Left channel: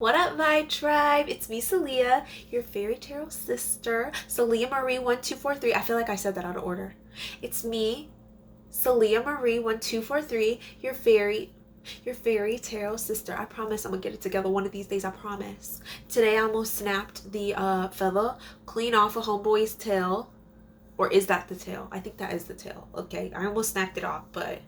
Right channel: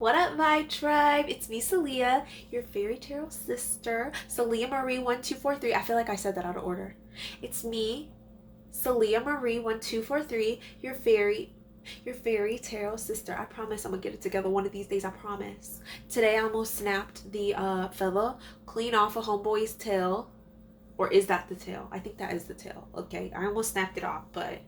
What up, my tribe? It's me, Salia, your fairy tarot sister. Salia Marie 1243. I feel like I said that out of order. It's me, Salia Marie 1243, your fairy tarot sister. I promise I'm gonna get it together one of these days. I promise. Today I almost snapped the feather clean off a homeboy's tail. Or is that the tail? I think that is the tail. Okay, I almost snapped it off, but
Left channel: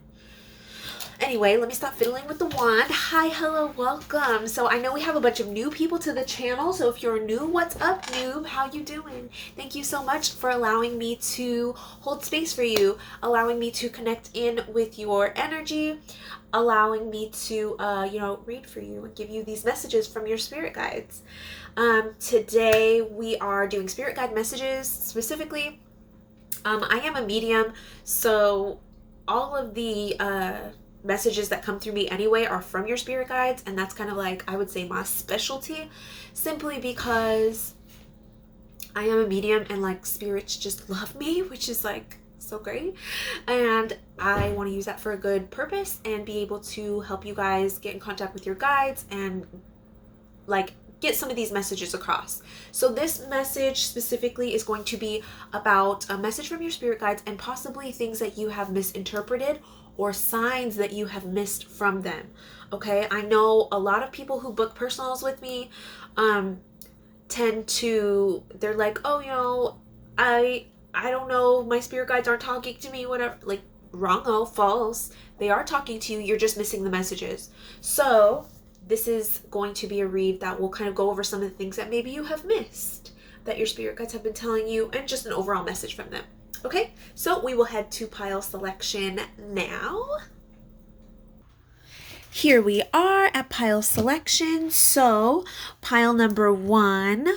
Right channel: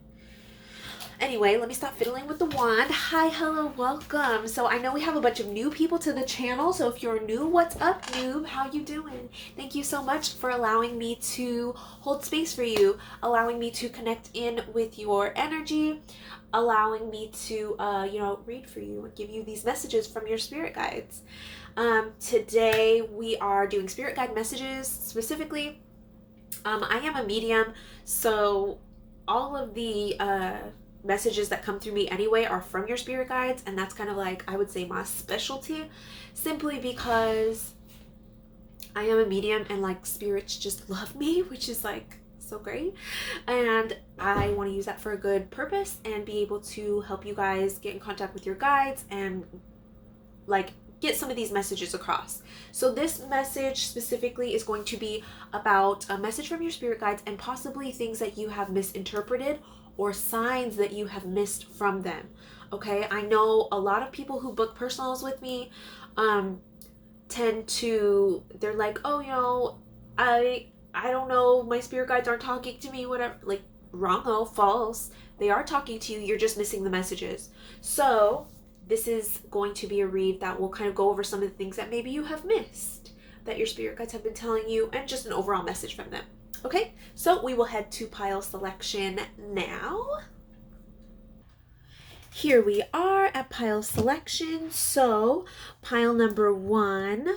anyway, let me stop fiddling with the wand. Hi, hello, welcome. So I know we have a bunch of new people to the channel. So if you're new, what's up, noob? How you doing? Thank you so much for allowing me to hold space for you, allowing me to connect in with your energy, allowing me to, read for you and give you these messages from your spirit guides. Today we are doing spirit guide messages specifically. I am a medium, so all of the messages that come through me anyway are from your spirit guides, and that's kind of like, I would say, my specialty, simply because I am a medium and like spirits just love me, which is like so great, and I want to use that for a good purpose and be able to help you guys get in contact with your guides and like get some of these messages across. So this message specifically is going to be about a message from your spirit guides and possibly things that you have misinterpreted or signs that you have missed from them. Okay, I know a lot of people who book personals with me they're like, oh, I don't know, my spirit guides aren't talking to me, whatever. Like, wrong, false. They are talking to you, you're just missing the messages. So this is going to be a read that will kind of go over some of the things that maybe you have missed that your spirit guides have been telling you, and just an overall message from them. Okay, so we will head to pile selection now. Here we are at pile selection. So pile number 1.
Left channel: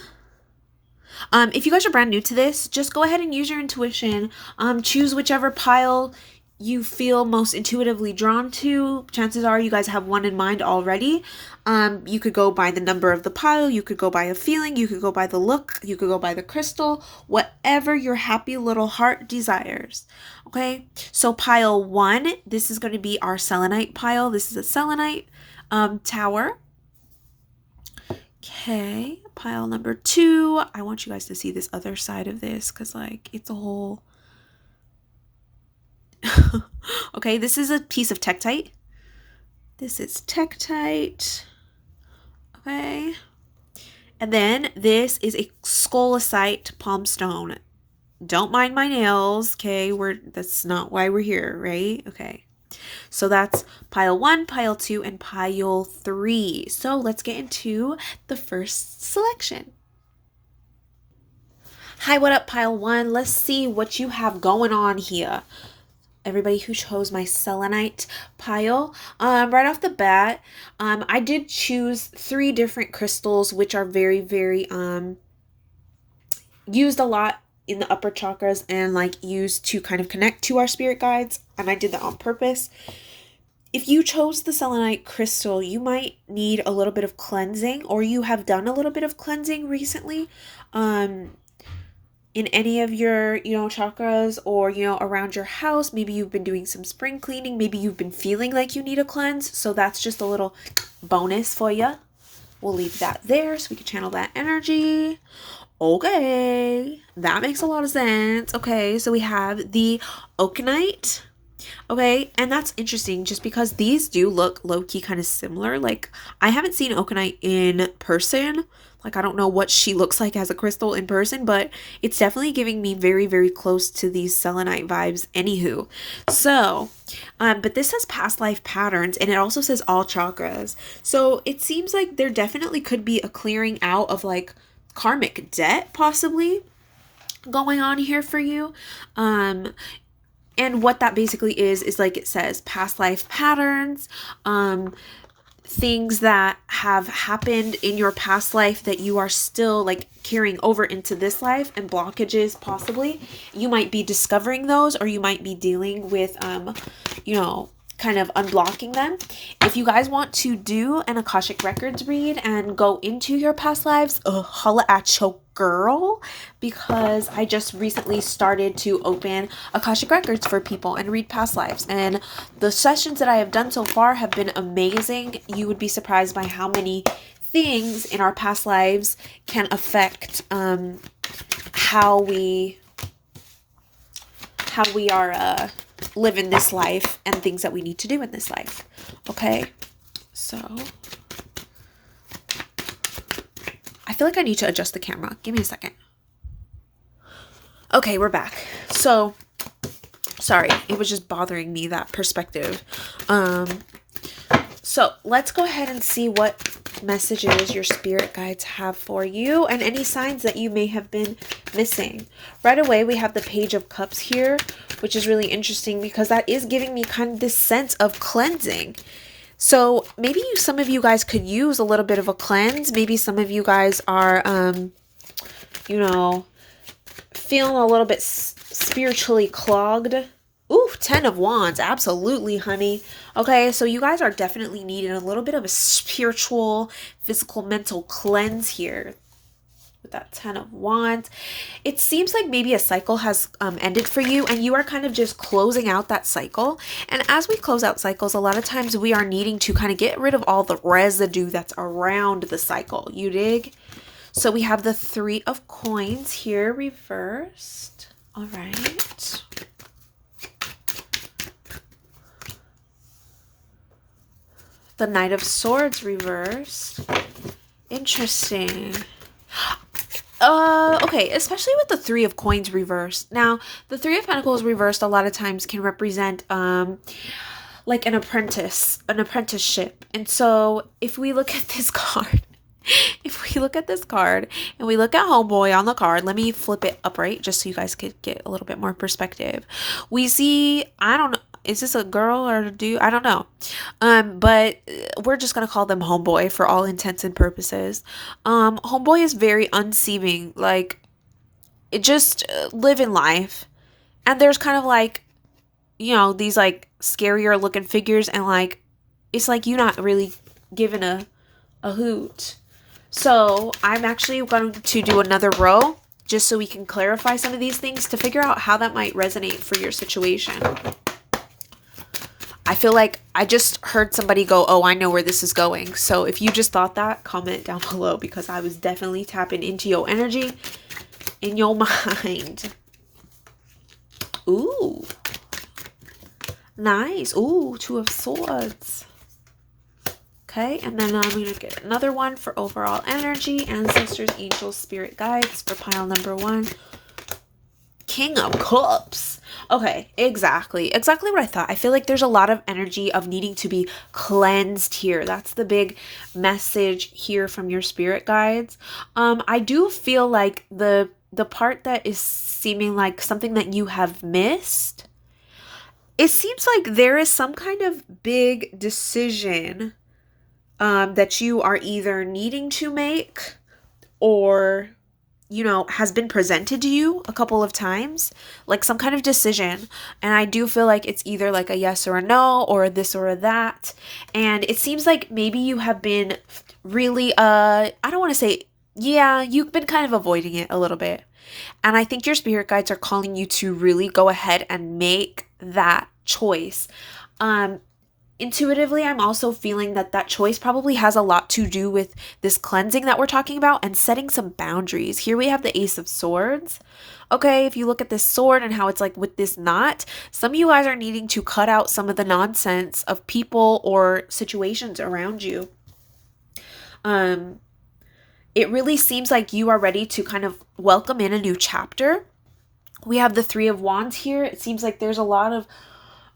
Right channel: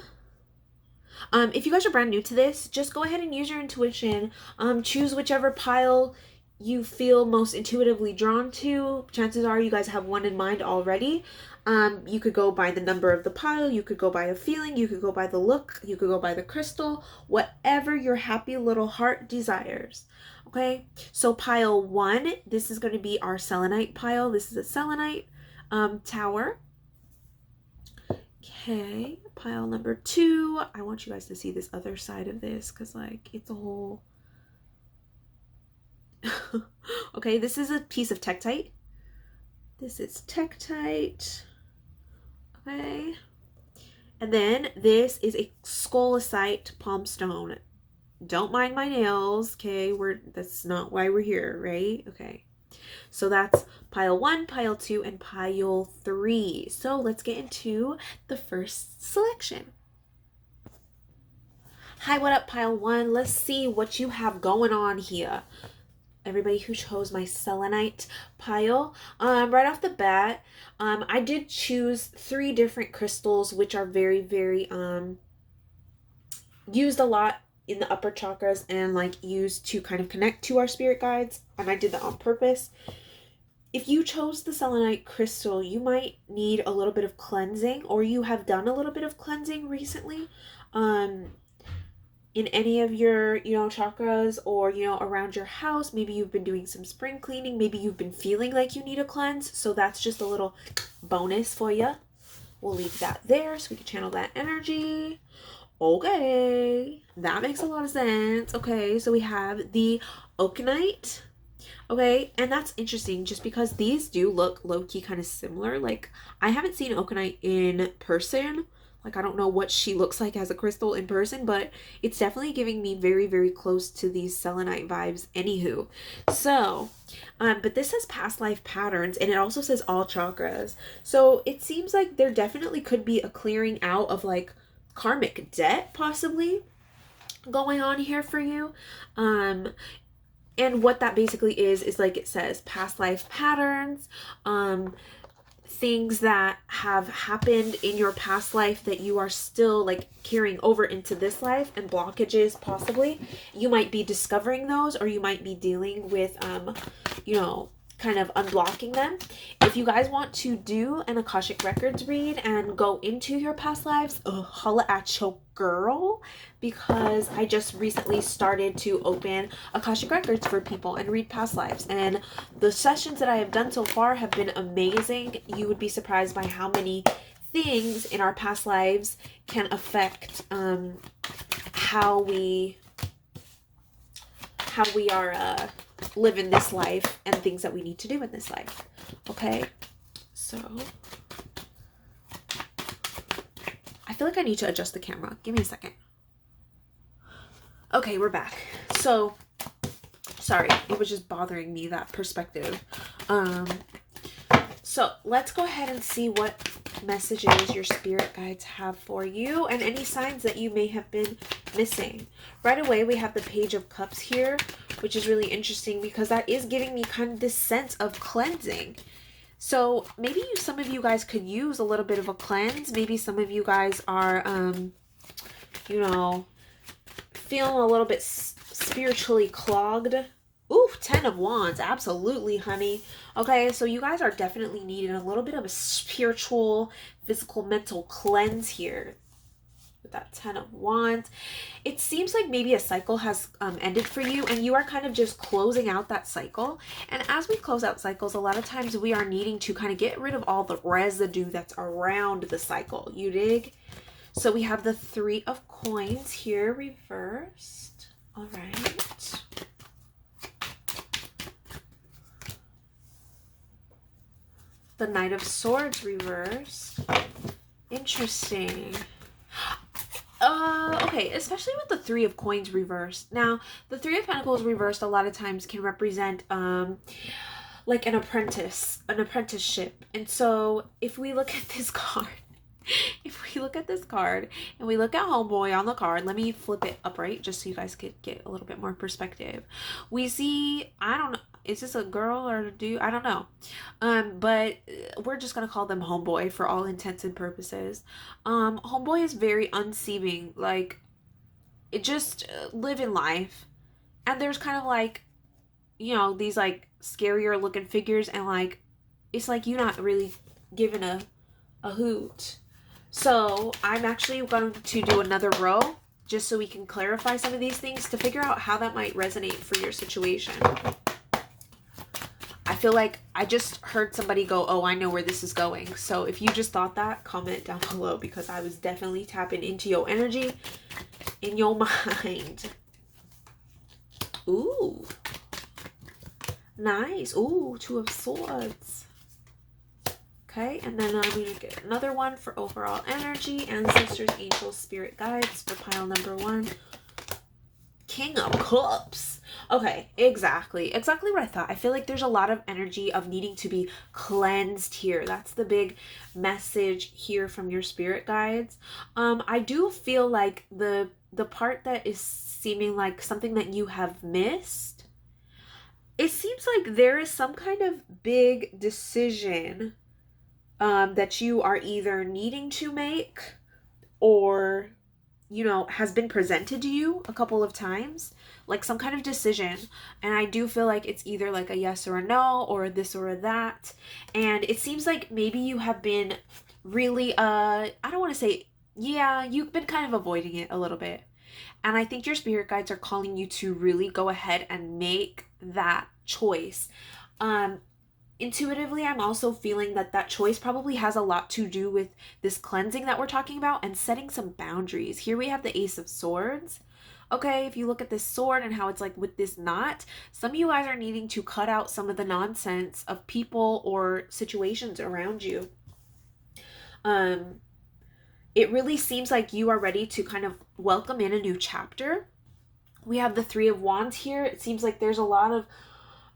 If you guys are brand new to this, just go ahead and use your intuition. Choose whichever pile you feel most intuitively drawn to. Chances are you guys have one in mind already. You could go by the number of the pile, you could go by a feeling, you could go by the look, you could go by the crystal, whatever your happy little heart desires. Okay, so pile 1, this is going to be our selenite pile. This is a selenite tower. Okay, pile number 2. I want you guys to see this other side of this because like it's a whole okay, this is a piece of tektite. This is tektite. Okay. And then this is a scolecite palm stone. Don't mind my nails, okay? That's not why we're here, right? Okay. So that's pile 1, pile 2, and pile 3. So let's get into the first selection. Hi, what up, pile 1? Let's see what you have going on here. Everybody who chose my selenite pile. Right off the bat, I did choose 3 different crystals, which are very, very used a lot in the upper chakras and like used to kind of connect to our spirit guides, and I did that on purpose. If you chose the selenite crystal, you might need a little bit of cleansing, or you have done a little bit of cleansing recently. In any of your, chakras, or, around your house. Maybe you've been doing some spring cleaning. Maybe you've been feeling like you need a cleanse. So that's just a little bonus for you. We'll leave that there so we can channel that energy. Okay, that makes a lot of sense. Okay, so we have the oakenite. Okay, and that's interesting just because these do look low-key kind of similar. Like, I haven't seen oakenite in person. Like, I don't know what she looks like as a crystal in person, but it's definitely giving me very, very close to these selenite vibes anywho. So, but this says past life patterns, and it also says all chakras. So it seems like there definitely could be a clearing out of like karmic debt possibly going on here for you. And what that basically is like it says past life patterns, things that have happened in your past life that you are still like carrying over into this life, and blockages possibly. You might be discovering those, or you might be dealing with, kind of unblocking them. If you guys want to do an Akashic Records read and go into your past lives, holla at your girl, because I just recently started to open Akashic Records for people and read past lives, and the sessions that I have done so far have been amazing. You would be surprised by how many things in our past lives can affect how we are living this life and things that we need to do in this life. Okay, so I feel like I need to adjust the camera. Give me a second. Okay, we're back. So sorry, it was just bothering me, that perspective. So let's go ahead and see what messages your spirit guides have for you and any signs that you may have been missing. Right away, we have the Page of Cups here, which is really interesting because that is giving me kind of this sense of cleansing. So maybe some of you guys could use a little bit of a cleanse. Maybe some of you guys are, feeling a little bit spiritually clogged. Ooh, 10 of Wands. Absolutely, honey. Okay, so you guys are definitely needing a little bit of a spiritual, physical, mental cleanse here with that 10 of Wands. It seems like maybe a cycle has ended for you and you are kind of just closing out that cycle. And as we close out cycles, a lot of times we are needing to kind of get rid of all the residue that's around the cycle. You dig? So we have the 3 of Coins here reversed. All right. The Knight of Swords reversed. Interesting. Okay, especially with the 3 of Coins reversed. Now, the 3 of Pentacles reversed a lot of times can represent like an apprenticeship. And so if we look at this card, and we look at Homeboy on the card, let me flip it upright just so you guys could get a little bit more perspective. We see, I don't know, is this a girl or a dude? I don't know. But we're just going to call them Homeboy for all intents and purposes. Homeboy is very unseeming, like just living life. And there's kind of like, these like scarier looking figures, and like, it's like you're not really giving a hoot. So I'm actually going to do another row just so we can clarify some of these things to figure out how that might resonate for your situation. I feel like I just heard somebody go, oh, I know where this is going. So if you just thought that, comment down below, because I was definitely tapping into your energy in your mind. Ooh. Nice. Ooh, 2 of Swords. Okay, and then I'm going to get another one for overall energy, ancestors, angels, spirit guides for pile number 1. King of Cups. Okay, exactly what I thought. I feel like there's a lot of energy of needing to be cleansed here. That's the big message here from your spirit guides. I do feel like the part that is seeming like something that you have missed, it seems like there is some kind of big decision that you are either needing to make or has been presented to you a couple of times, like some kind of decision. And I do feel like it's either like a yes or a no, or a this or a that. And it seems like maybe you have been really, I don't want to say, yeah, you've been kind of avoiding it a little bit. And I think your spirit guides are calling you to really go ahead and make that choice. Intuitively, I'm also feeling that choice probably has a lot to do with this cleansing that we're talking about and setting some boundaries. Here we have the Ace of Swords. Okay, if you look at this sword and how it's like with this knot, some of you guys are needing to cut out some of the nonsense of people or situations around you. It really seems like you are ready to kind of welcome in a new chapter. We have the 3 of Wands here. It seems like there's a lot of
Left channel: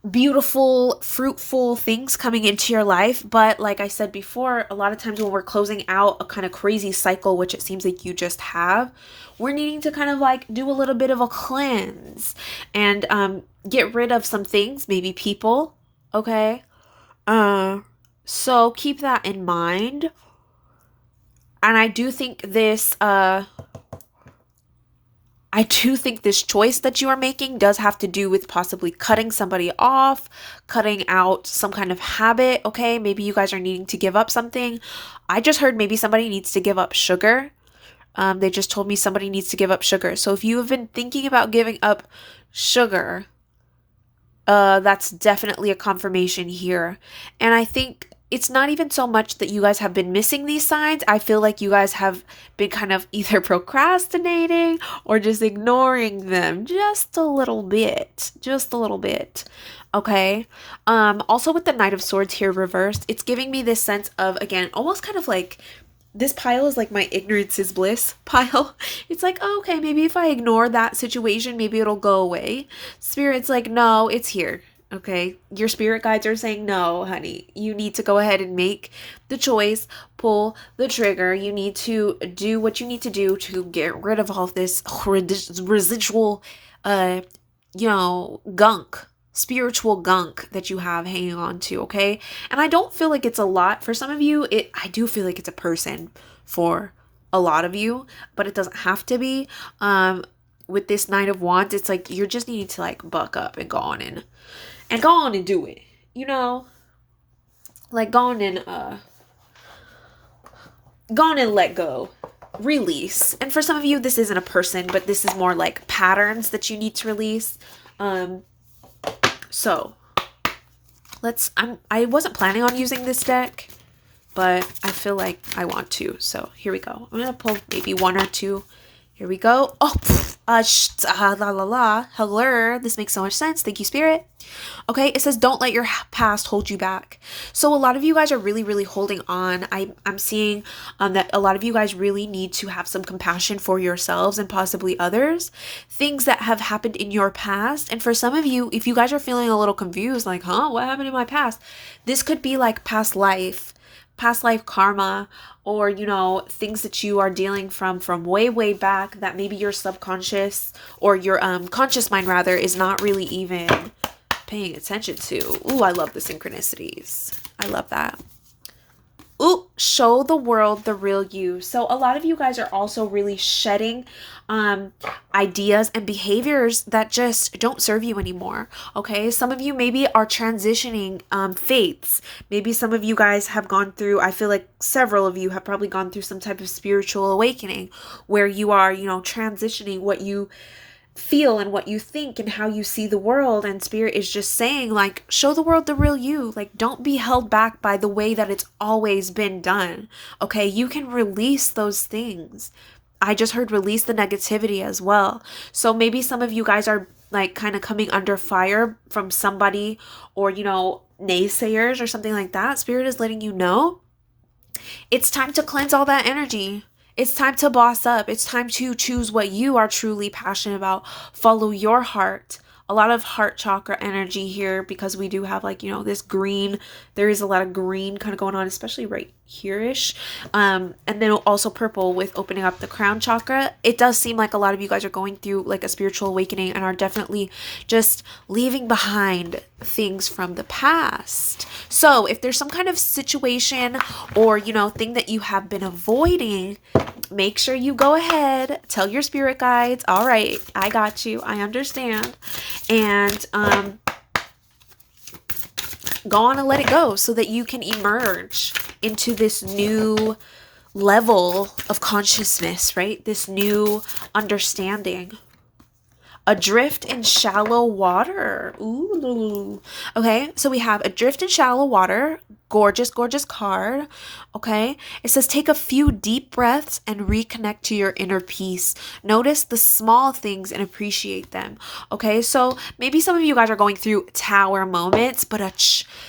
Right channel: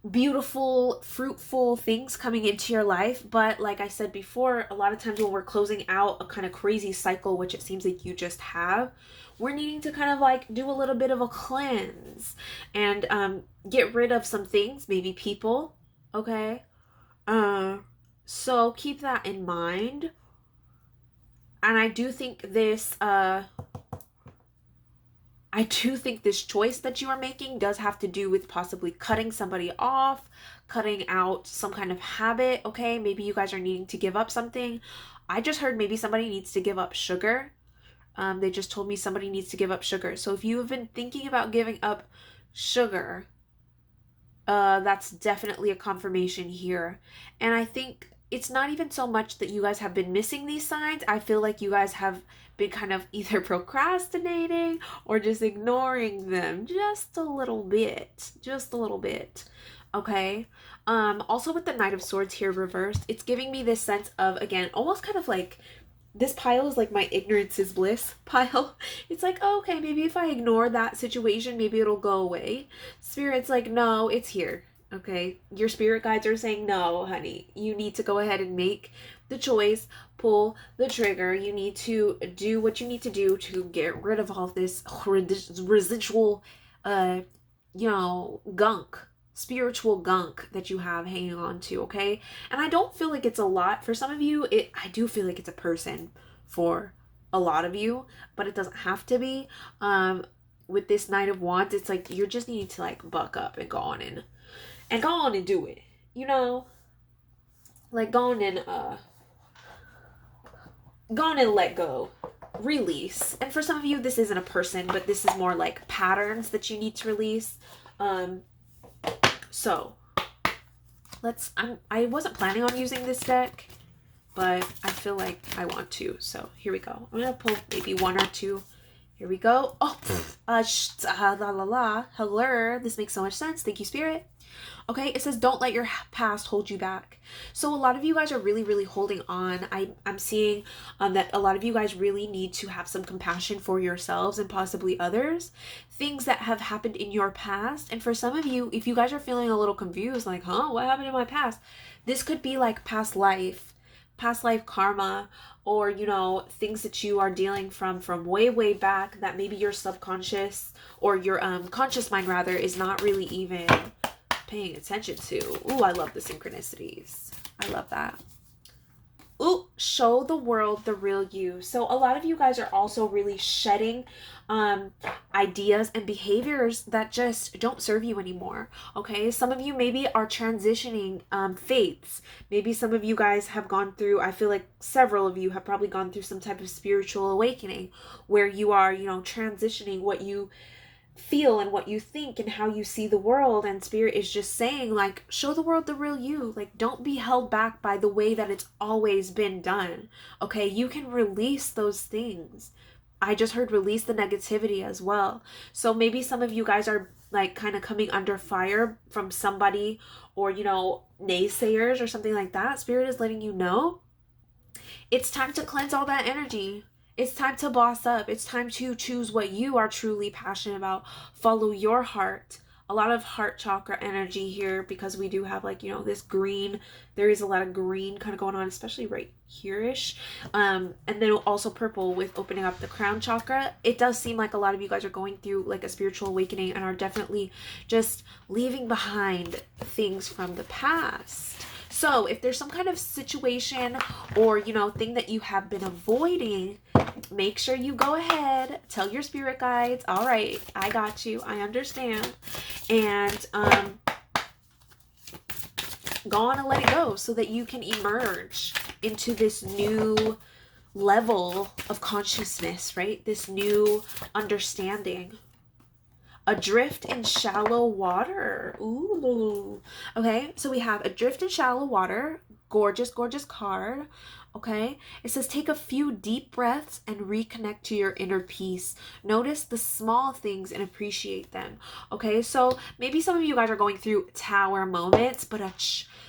beautiful, fruitful things coming into your life. But like I said before, a lot of times when we're closing out a kind of crazy cycle, which it seems like you just have, we're needing to kind of like do a little bit of a cleanse and get rid of some things, maybe people. Okay. So keep that in mind. And I do think this choice that you are making does have to do with possibly cutting somebody off, cutting out some kind of habit. Okay, maybe you guys are needing to give up something. I just heard maybe somebody needs to give up sugar. They just told me somebody needs to give up sugar. So if you have been thinking about giving up sugar, that's definitely a confirmation here. And I think it's not even so much that you guys have been missing these signs. I feel like you guys have been kind of either procrastinating or just ignoring them just a little bit. Just a little bit. Okay. Also with the Knight of Swords here reversed, it's giving me this sense of, again, almost kind of like this pile is like my ignorance is bliss pile. It's like, oh, okay, maybe if I ignore that situation, maybe it'll go away. Spirit's like, no, it's here. Okay, your spirit guides are saying, no, honey, you need to go ahead and make the choice, pull the trigger. You need to do what you need to do to get rid of all of this residual, gunk, spiritual gunk that you have hanging on to. Okay, and I don't feel like it's a lot for some of you. I do feel like it's a person for a lot of you, but it doesn't have to be. With this Knight of Wands, it's like you're just needing to like buck up and go on and do it, like go on and let go, release. And for some of you, this isn't a person, but this is more like patterns that you need to release. So I wasn't planning on using this deck, but I feel like I want to, so here we go. I'm gonna pull maybe one or two. Here we go. Oh, hello. This makes so much sense. Thank you, Spirit. Okay, it says don't let your past hold you back. So a lot of you guys are really, really holding on. I'm seeing that a lot of you guys really need to have some compassion for yourselves and possibly others. Things that have happened in your past. And for some of you, if you guys are feeling a little confused, like, what happened in my past? This could be like past life karma, or things that you are dealing from way back that maybe your subconscious or your conscious mind rather is not really even paying attention to. Ooh, I love the synchronicities. I love that. Ooh, show the world the real you. So a lot of you guys are also really shedding ideas and behaviors that just don't serve you anymore. Okay, some of you maybe are transitioning faiths. Maybe some of you guys have gone through, I feel like several of you have probably gone through some type of spiritual awakening where you are, transitioning what you feel and what you think and how you see the world. And Spirit is just saying, like, show the world the real you. Like, don't be held back by the way that it's always been done. Okay, you can release those things. I just heard release the negativity as well. So maybe some of you guys are like kind of coming under fire from somebody, or naysayers or something like that. Spirit is letting you know it's time to cleanse all that energy. It's time to boss up. It's time to choose what you are truly passionate about. Follow your heart. A lot of heart chakra energy here, because we do have like, this green. There is a lot of green kind of going on, especially right here-ish. And then also purple with opening up the crown chakra. It does seem like a lot of you guys are going through like a spiritual awakening and are definitely just leaving behind things from the past. So if there's some kind of situation or, thing that you have been avoiding, make sure you go ahead, tell your spirit guides, all right, I got you, I understand. And go on and let it go so that you can emerge into this new level of consciousness, right? This new understanding. Adrift in shallow water. Ooh. Okay, so we have adrift in shallow water. Gorgeous, gorgeous card. Okay, it says take a few deep breaths and reconnect to your inner peace. Notice the small things and appreciate them. Okay, so maybe some of you guys are going through tower moments, but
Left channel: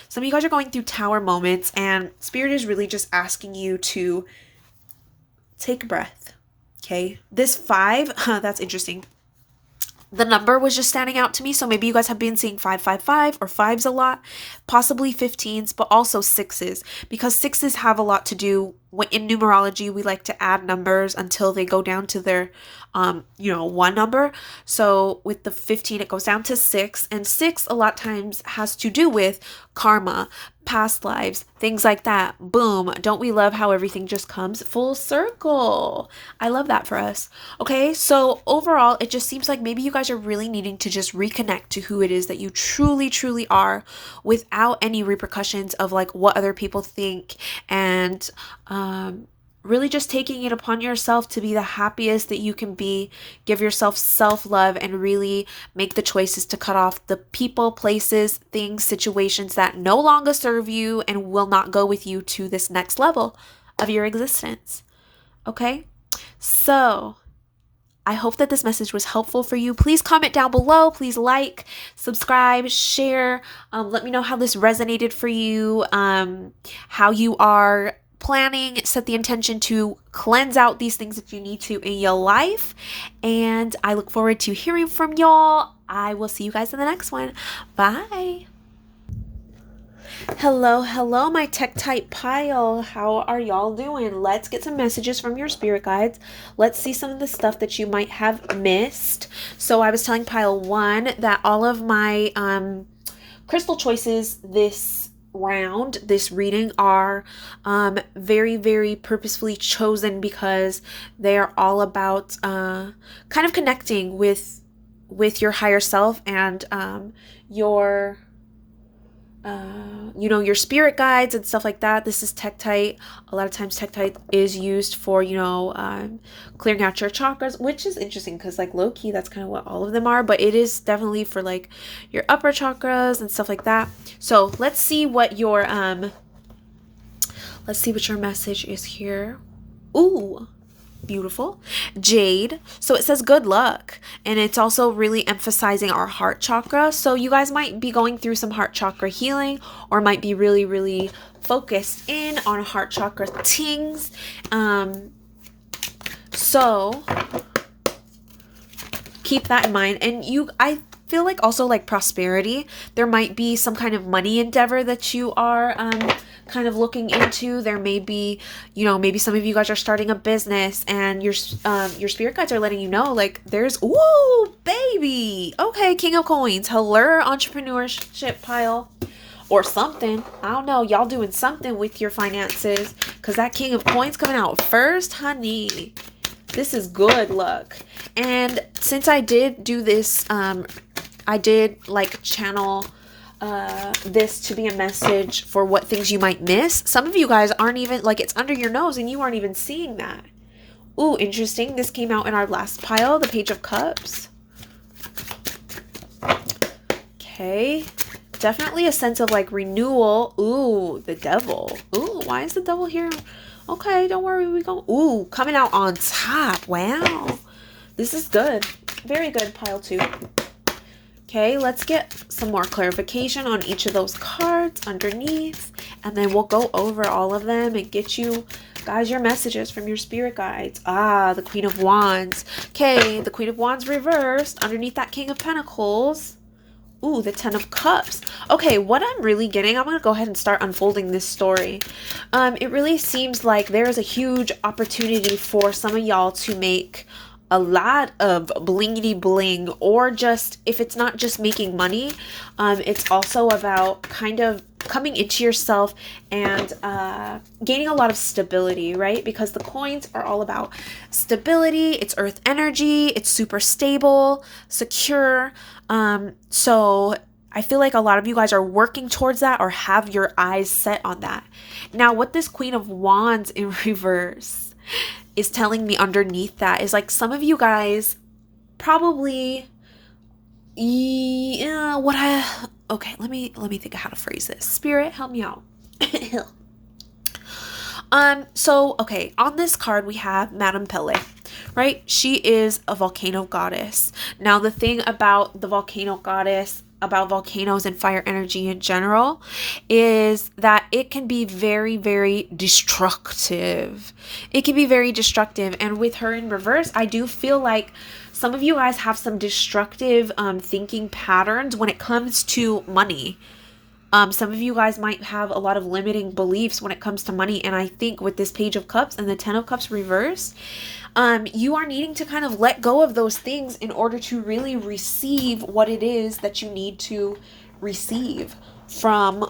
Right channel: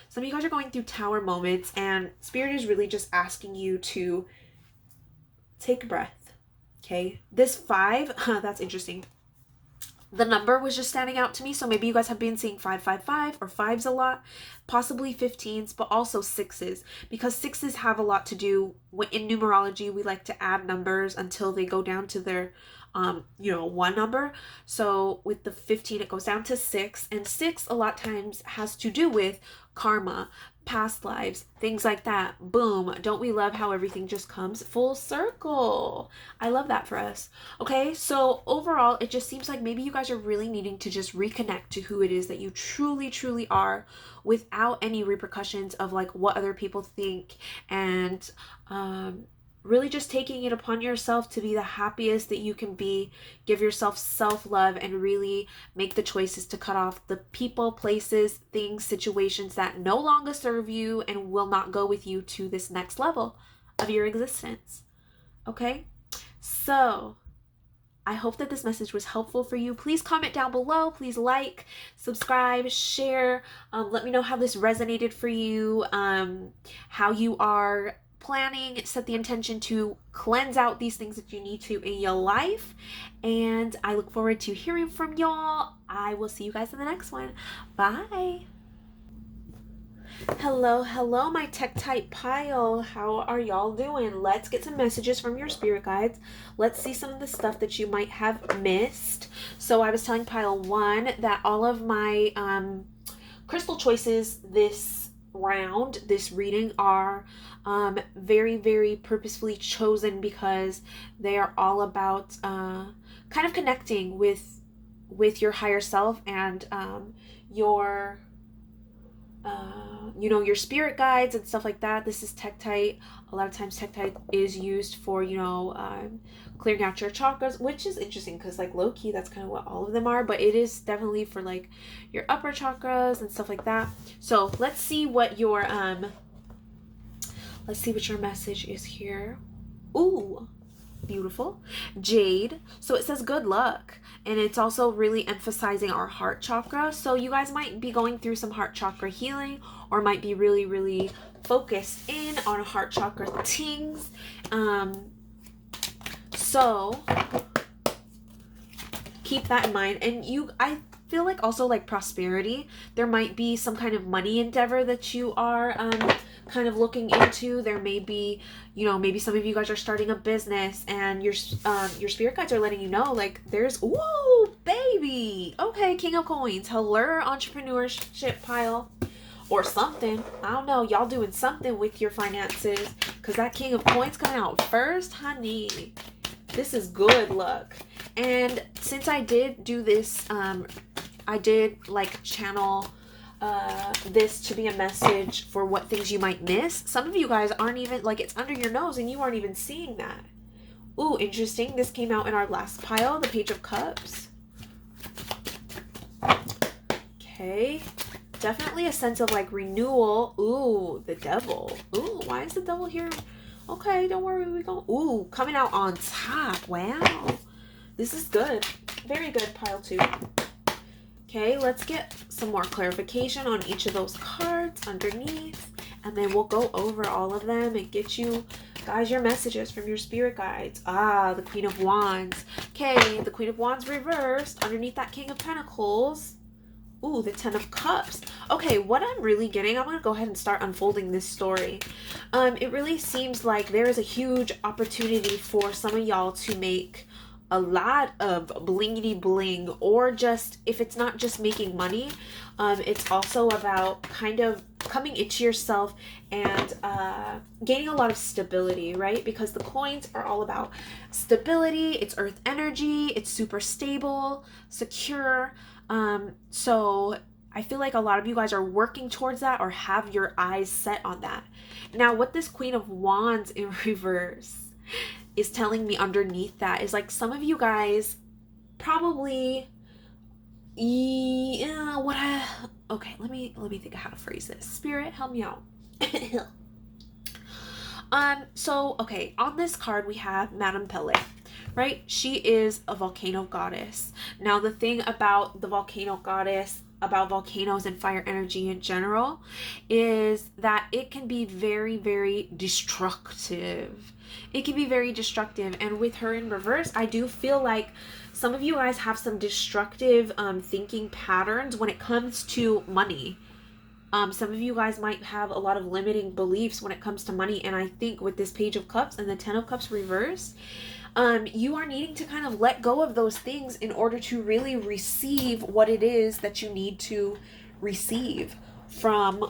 some of you guys are going through tower moments, and Spirit is really just asking you to take a breath. Okay, this 5, that's interesting. The number was just standing out to me. So maybe you guys have been seeing 555 or 5s a lot, possibly 15s, but also 6s, because 6s have a lot to do in numerology. We like to add numbers until they go down to their, one number. So with the 15, it goes down to 6, and 6 a lot of times has to do with karma, past lives, things like that. Boom. Don't we love how everything just comes full circle? I love that for us. Okay, so overall, it just seems like maybe you guys are really needing to just reconnect to who it is that you truly, truly are, without any repercussions of like what other people think, and really just taking it upon yourself to be the happiest that you can be. Give yourself self-love and really make the choices to cut off the people, places, things, situations that no longer serve you and will not go with you to this next level of your existence. Okay? So I hope that this message was helpful for you. Please comment down below. Please like, subscribe, share. Let me know how this resonated for you, how you are planning, set the intention to cleanse out these things that you need to in your life. And I look forward to hearing from y'all. I will see you guys in the next one. Bye. Hello, my tech type pile. How are y'all doing? Let's get some messages from your spirit guides. Let's see some of the stuff that you might have missed. So I was telling pile 1 that all of my crystal choices this round, this reading, are very, very purposefully chosen because they are all about kind of connecting with your higher self and your your spirit guides and stuff like that. This is Tektite. A lot of times Tektite is used for, clearing out your chakras, which is interesting because like low key, that's kind of what all of them are, but it is definitely for like your upper chakras and stuff like that. So let's see what your message is here. Ooh, beautiful. Jade. So it says good luck, and it's also really emphasizing our heart chakra. So you guys might be going through some heart chakra healing, or might be really, really focused in on heart chakra things. So keep that in mind. And I feel like also like prosperity, there might be some kind of money endeavor that you are kind of looking into. There may be, maybe some of you guys are starting a business and your spirit guides are letting you know, like, there's, ooh, baby. Okay, King of Coins. Hello, entrepreneurship pile. Or something. I don't know. Y'all doing something with your finances. Because that King of Coins coming out first, honey. This is good luck. And since I did do this, I did like channel this to be a message for what things you might miss. Some of you guys aren't even, like, it's under your nose and you aren't even seeing that. Ooh, interesting. This came out in our last pile, the Page of Cups. Okay. Definitely a sense of like renewal. Ooh, the Devil. Ooh, why is the Devil here? Okay, don't worry, we go. Ooh, coming out on top. Wow. This is good. Very good, pile 2. Okay, let's get some more clarification on each of those cards underneath, and then we'll go over all of them and get you guys your messages from your spirit guides. Ah, the Queen of Wands. Okay, the Queen of Wands reversed underneath that King of Pentacles. Ooh, the 10 of Cups. Okay, what I'm really getting, I'm going to go ahead and start unfolding this story. It really seems like there is a huge opportunity for some of y'all to make a lot of blingity bling, or just, if it's not just making money, it's also about kind of coming into yourself and gaining a lot of stability, right? Because the coins are all about stability. It's earth energy. It's super stable, secure. So I feel like a lot of you guys are working towards that or have your eyes set on that. Now, what this Queen of Wands in reverse is telling me underneath that is like some of you guys probably, okay, let me think of how to phrase this. Spirit, help me out. So, okay, on this card we have Madame Pele, right? She is a volcano goddess. Now, the thing about the volcano goddess, about volcanoes and fire energy in general, is that it can be very, very destructive. It can be very destructive. And with her in reverse, I do feel like some of you guys have some destructive thinking patterns when it comes to money. Some of you guys might have a lot of limiting beliefs when it comes to money. And I think with this Page of Cups and the 10 of Cups reverse, you are needing to kind of let go of those things in order to really receive what it is that you need to receive from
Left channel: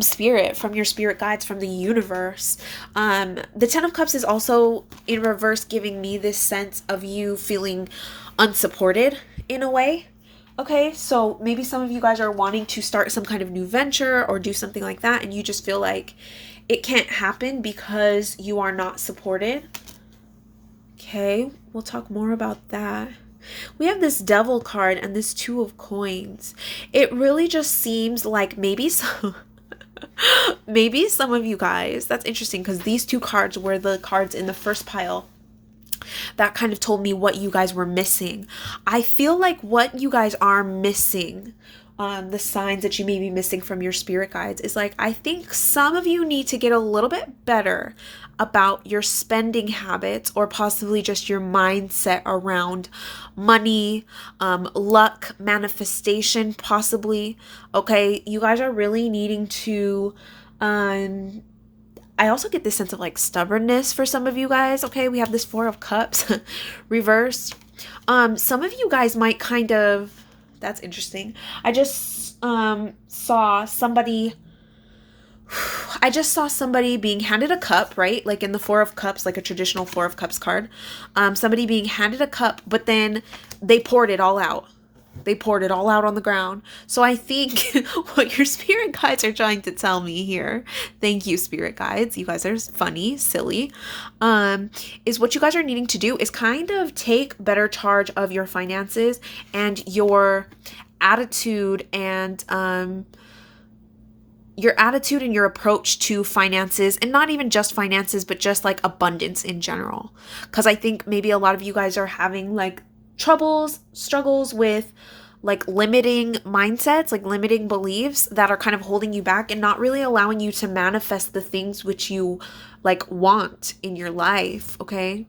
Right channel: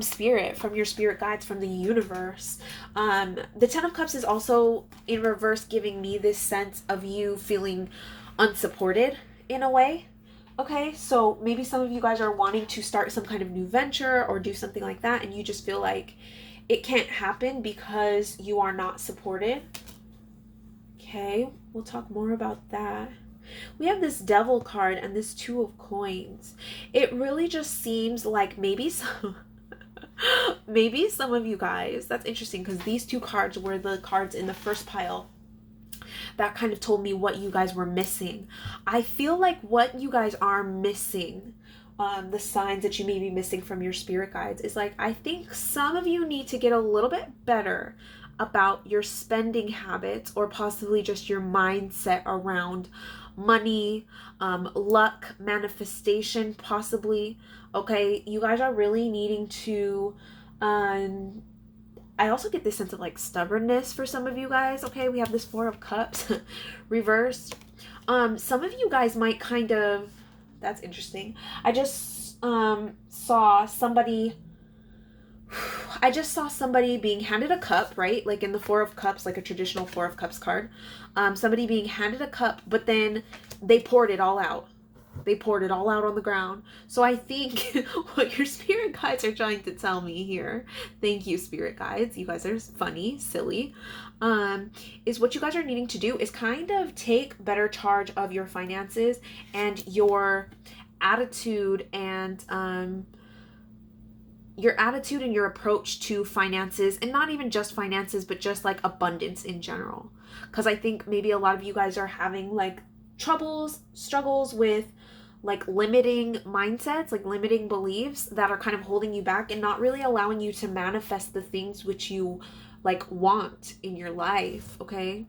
spirit, from your spirit guides, from the universe. The 10 of Cups is also in reverse giving me this sense of you feeling unsupported in a way. Okay, so maybe some of you guys are wanting to start some kind of new venture or do something like that, and you just feel like it can't happen because you are not supported. Okay, we'll talk more about that. We have this Devil card and this Two of Coins. It really just seems like maybe some of you guys, that's interesting because these two cards were the cards in the first pile that kind of told me what you guys were missing. I feel like what you guys are missing, the signs that you may be missing from your spirit guides, is like, I think some of you need to get a little bit better about your spending habits, or possibly just your mindset around money, luck, manifestation, possibly. Okay, you guys are really needing to, I also get this sense of like stubbornness for some of you guys. Okay, we have this Four of Cups reversed. Some of you guys might kind of, that's interesting. I just saw somebody being handed a cup, right? Like in the Four of Cups, like a traditional Four of Cups card. Somebody being handed a cup, but then they poured it all out. They poured it all out on the ground. So I think what your spirit guides are trying to tell me here, thank you, spirit guides, you guys are funny, silly, is what you guys are needing to do is kind of take better charge of your finances and your attitude and your approach to finances, and not even just finances, but just like abundance in general. Because I think maybe a lot of you guys are having like struggles with like limiting mindsets, like limiting beliefs that are kind of holding you back and not really allowing you to manifest the things which you like want in your life, okay?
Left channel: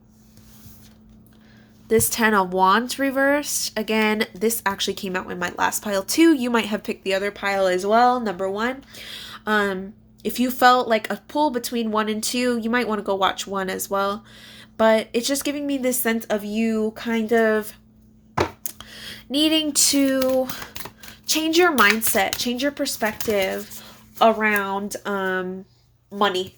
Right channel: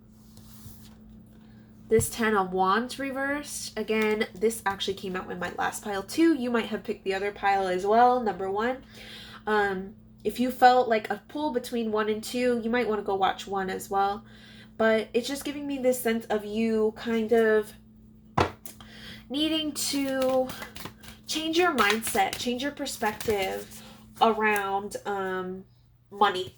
This 10 of Wands reversed. Again, this actually came out in my last pile too. You might have picked the other pile as well, number 1. If you felt like a pull between 1 and 2, you might want to go watch 1 as well. But it's just giving me this sense of you kind of needing to change your mindset, change your perspective around money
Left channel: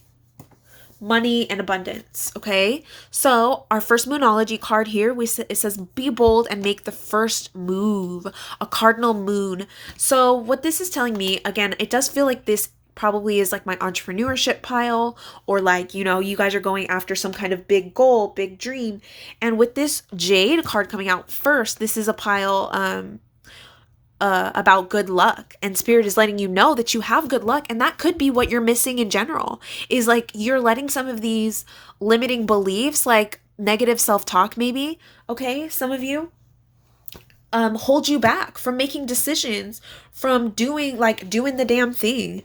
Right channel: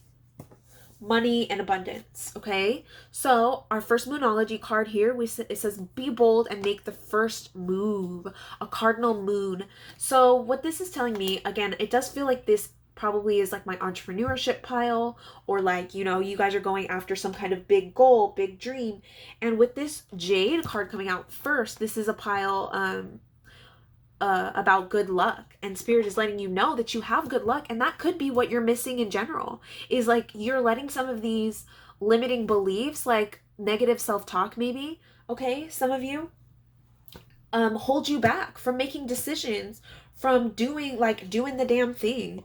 and abundance, okay? So our first Moonology card here, it says, be bold and make the first move, a cardinal moon. So what this is telling me, again, it does feel like this probably is like my entrepreneurship pile, or like, you know, you guys are going after some kind of big goal, big dream. And with this Jade card coming out first, this is a pile about good luck, and spirit is letting you know that you have good luck, and that could be what you're missing in general, is like you're letting some of these limiting beliefs, like negative self-talk maybe, okay, some of you, hold you back from making decisions, from doing the damn thing.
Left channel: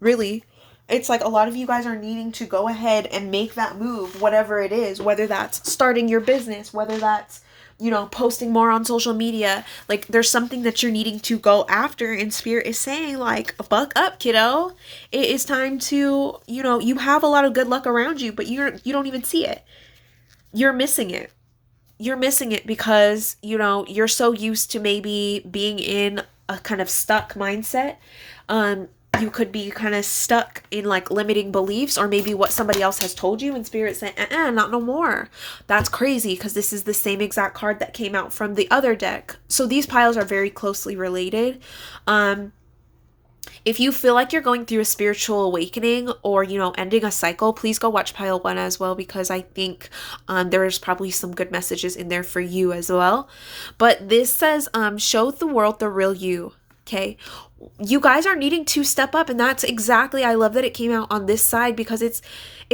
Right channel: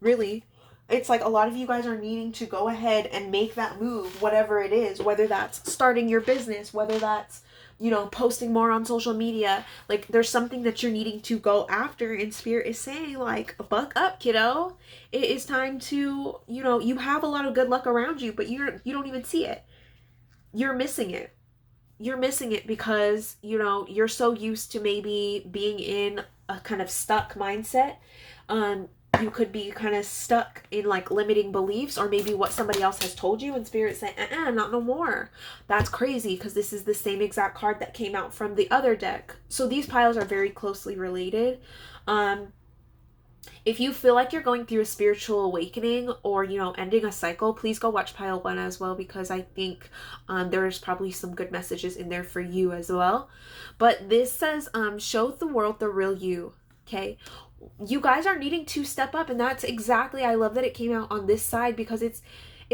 Really, it's like a lot of you guys are needing to go ahead and make that move, whatever it is, whether that's starting your business, whether that's, you know, posting more on social media. Like there's something that you're needing to go after, and spirit is saying like, buck up, kiddo. It is time to, you know, you have a lot of good luck around you, but you don't even see it. You're missing it. You're missing it because, you know, you're so used to maybe being in a kind of stuck mindset. You could be kind of stuck in like limiting beliefs, or maybe what somebody else has told you, and spirit saying, not no more. That's crazy, because this is the same exact card that came out from the other deck. So these piles are very closely related. If you feel like you're going through a spiritual awakening, or, you know, ending a cycle, please go watch pile 1 as well, because I think there's probably some good messages in there for you as well. But this says, show the world the real you, okay? You guys are needing to step up, and that's exactly, I love that it came out on this side, because it's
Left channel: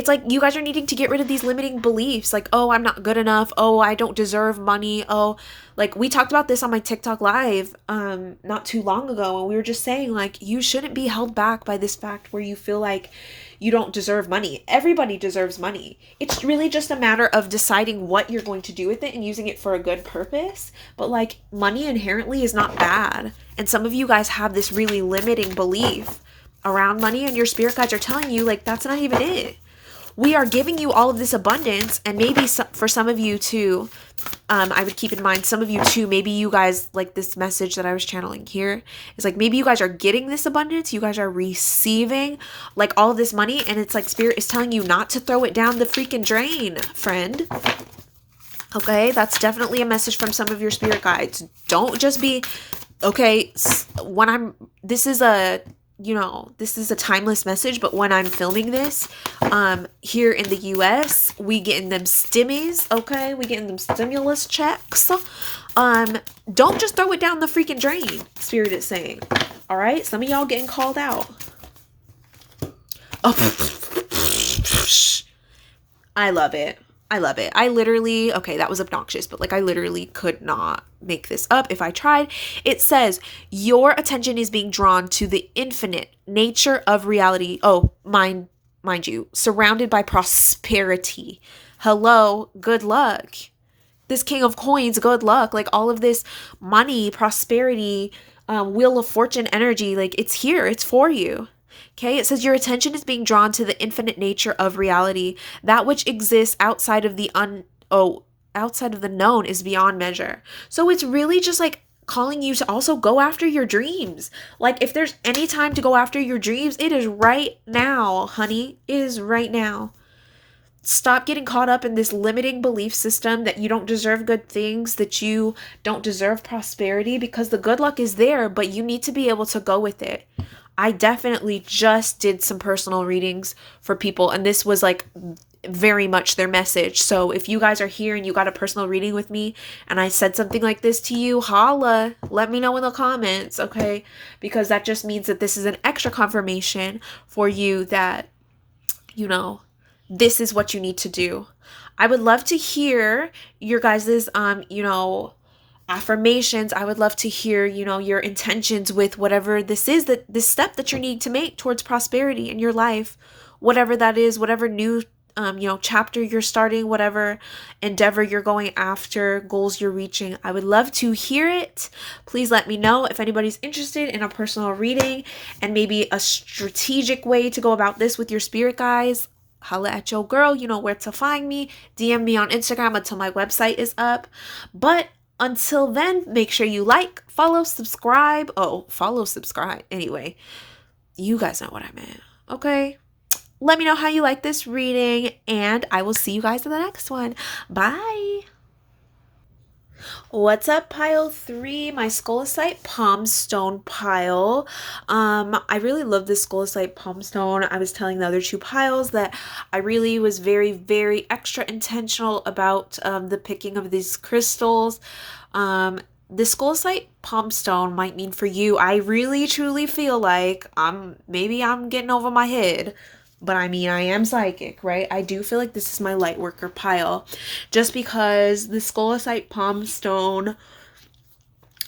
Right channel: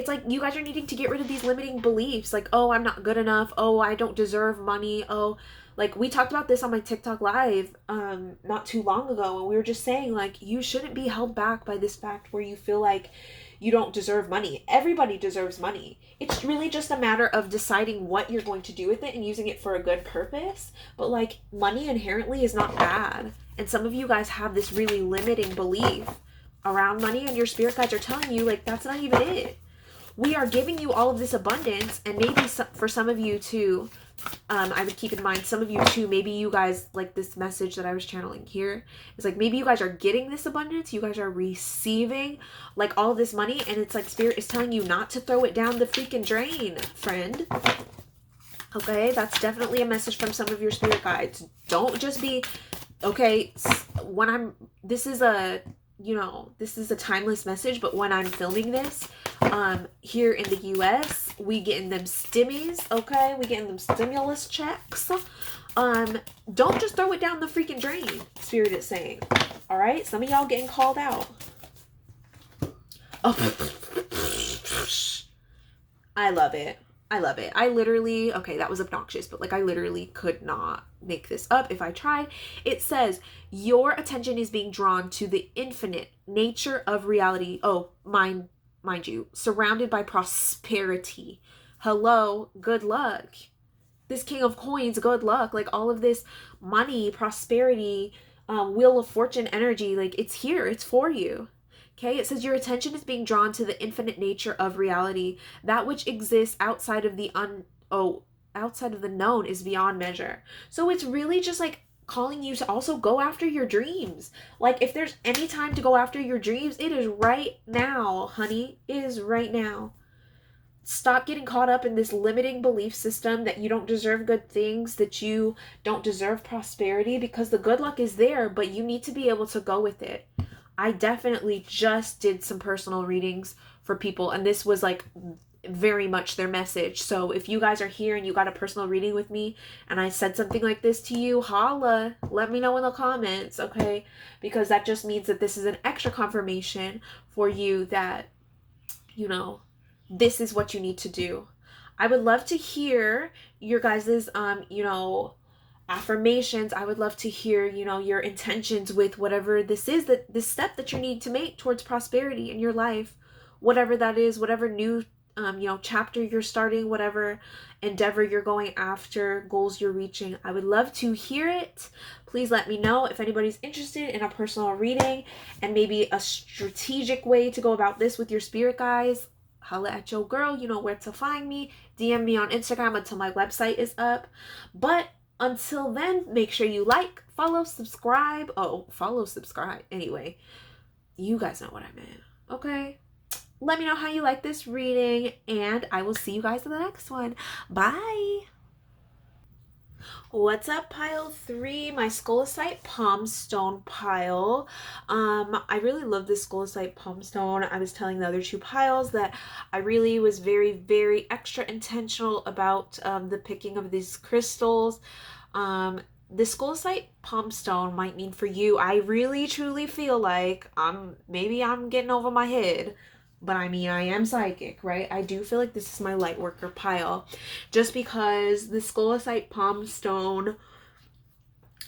like you guys are needing to get rid of these limiting beliefs, like, oh, I'm not good enough, oh, I don't deserve money, oh, like we talked about this on my TikTok live not too long ago, and we were just saying like, you shouldn't be held back by this fact where you feel like you don't deserve money. Everybody deserves money. It's really just a matter of deciding what you're going to do with it and using it for a good purpose. But like, money inherently is not bad. And some of you guys have this really limiting belief around money, and your spirit guides are telling you like, that's not even it. We are giving you all of this abundance, and maybe for some of you too, I would keep in mind, some of you too, maybe you guys, like this message that I was channeling here is like, maybe you guys are getting this abundance, you guys are receiving like all this money, and it's like spirit is telling you not to throw it down the freaking drain, friend. Okay, that's definitely a message from some of your spirit guides. Don't just be, okay, this is a you know, this is a timeless message, but when I'm filming this, here in the US, we getting them stimmies, okay? We getting them stimulus checks. Don't just throw it down the freaking drain, Spirit is saying. All right? Some of y'all getting called out. Oh, I love it. I love it. I literally, okay, that was obnoxious, but like I literally could not make this up if I tried. It says, your attention is being drawn to the infinite nature of reality. Oh, mind you, surrounded by prosperity. Hello, good luck. This King of Coins, good luck. Like all of this money, prosperity, Wheel of Fortune energy, like it's here, it's for you. Okay, it says your attention is being drawn to the infinite nature of reality. That which exists outside of the outside of the known is beyond measure. So it's really just like calling you to also go after your dreams. Like if there's any time to go after your dreams, it is right now, honey. It is right now. Stop getting caught up in this limiting belief system that you don't deserve good things, that you don't deserve prosperity, because the good luck is there, but you need to be able to go with it. I definitely just did some personal readings for people, and this was like very much their message. So if you guys are here and you got a personal reading with me and I said something like this to you, holla, let me know in the comments, okay? Because that just means that this is an extra confirmation for you that, you know, this is what you need to do. I would love to hear your guys's, you know, affirmations. I would love to hear, you know, your intentions with whatever this is, that this step that you need to make towards prosperity in your life, whatever that is, whatever new, you know, chapter you're starting, whatever endeavor you're going after, goals you're reaching. I would love to hear it. Please let me know if anybody's interested in a personal reading and maybe a strategic way to go about this with your spirit guides. Holla at your girl. You know where to find me. DM me on Instagram until my website is up. But until then, make sure you like, follow, subscribe. Oh, follow, subscribe. Anyway, you guys know what I meant. Okay? Let me know how you like this reading, and I will see you guys in the next one. Bye. What's up, pile 3, my scolecite palm stone pile. I really love this scolecite palm stone. I was telling the other 2 piles that I really was very, very extra intentional about the picking of these crystals. The scolecite palm stone might mean for you. I really truly feel like maybe I'm getting over my head. But I mean, I am psychic, right? I do feel like this is my light worker pile. Just because the scolecite palm stone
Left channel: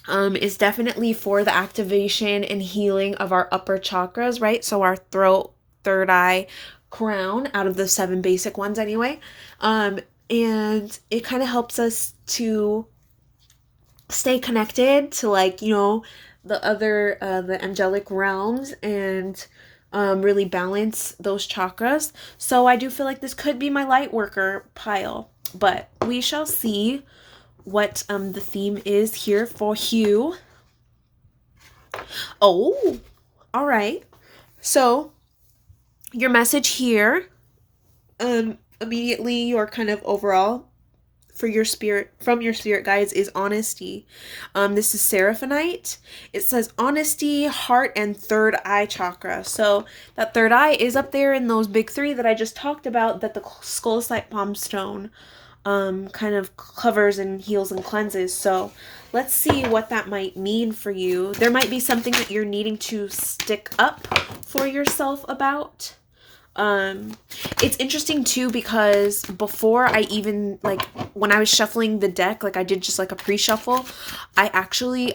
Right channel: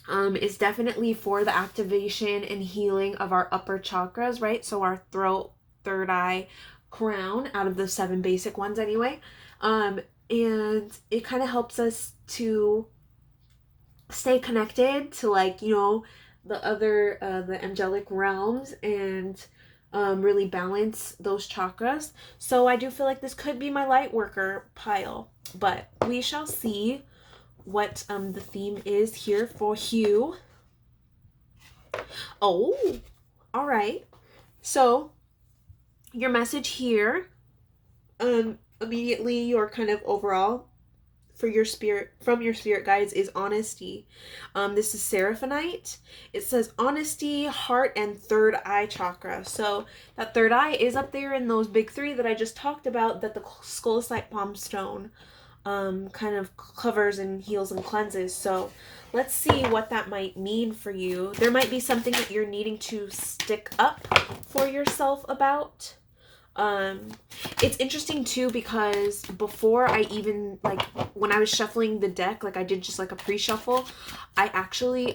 is definitely for the activation and healing of our upper chakras, right? So our throat, third eye, crown, out of the 7 basic ones anyway. And it kind of helps us to stay connected to, like, you know, the other, the angelic realms, and really balance those chakras. So I do feel like this could be my light worker pile, but we shall see what the theme is here for Hugh. Oh, all right. So your message here, immediately, your kind of overall for your spirit, from your spirit guides, is honesty. This is Seraphonite. It says honesty, heart, and third eye chakra. So that third eye is up there in those big 3 that I just talked about, that the scolecite palm stone kind of covers and heals and cleanses. So let's see what that might mean for you. There might be something that you're needing to stick up for yourself about. It's interesting too, because before I even, like, when I was shuffling the deck, like I did just like a pre-shuffle, I actually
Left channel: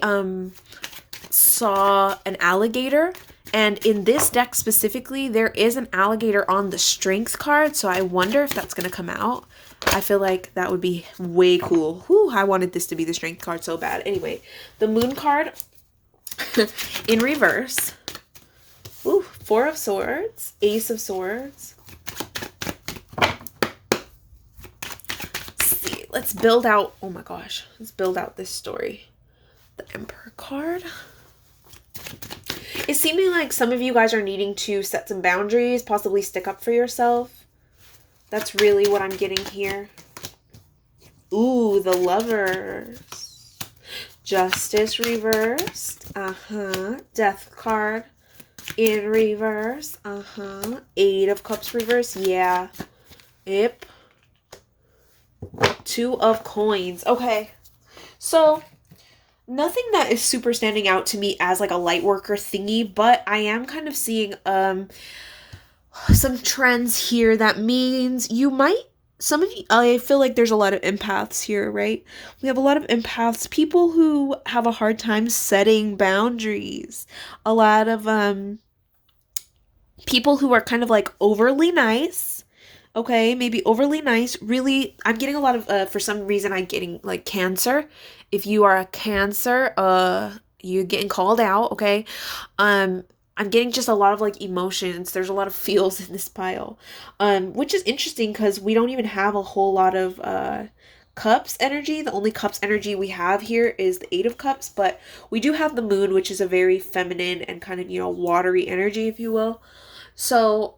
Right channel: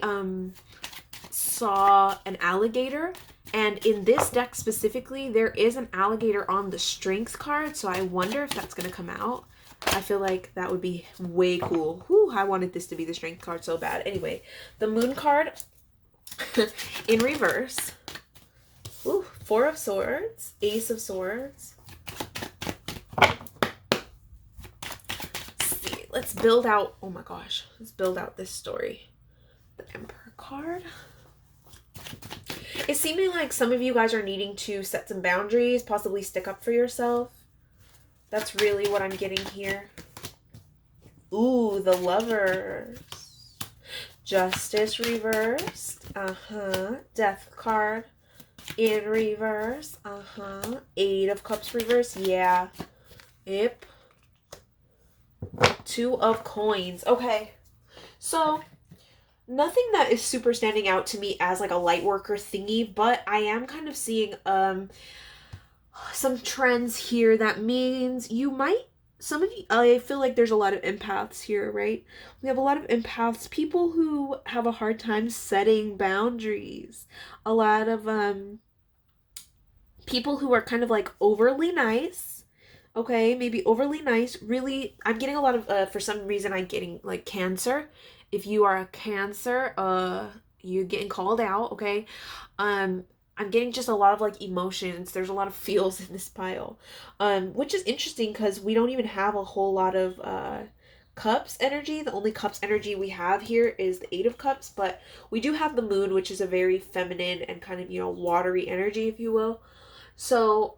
saw an alligator, and in this deck specifically there is an alligator on the strength card, so I wonder if that's gonna come out. I feel like that would be way cool. Whew, I wanted this to be the strength card so bad. Anyway, the moon card in reverse. Ooh, 4 of Swords, Ace of Swords. Let's see. Let's build out, oh my gosh, let's build out this story. The Emperor card. It's seeming like some of you guys are needing to set some boundaries, possibly stick up for yourself. That's really what I'm getting here. Ooh, the Lovers. Justice reversed. Death card. in reverse. Eight of Cups reverse. Yeah. Yep. Two of Coins. Okay. So, nothing that is super standing out to me as like a light worker thingy, but I am kind of seeing some trends here that means you might, some of you, I feel like there's a lot of empaths here, right? We have a lot of empaths, people who have a hard time setting boundaries. A lot of people who are kind of like overly nice. Okay, maybe overly nice. Really, I'm getting a lot of for some reason I'm getting like Cancer. If you are a Cancer, you're getting called out, okay? Um I'm getting just a lot of like emotions. There's a lot of feels in this pile. Which is interesting because we don't even have a whole lot of cups energy. The only cups energy we have here is the Eight of Cups, but we do have the moon, which is a very feminine and kind of, watery energy, if you will. So,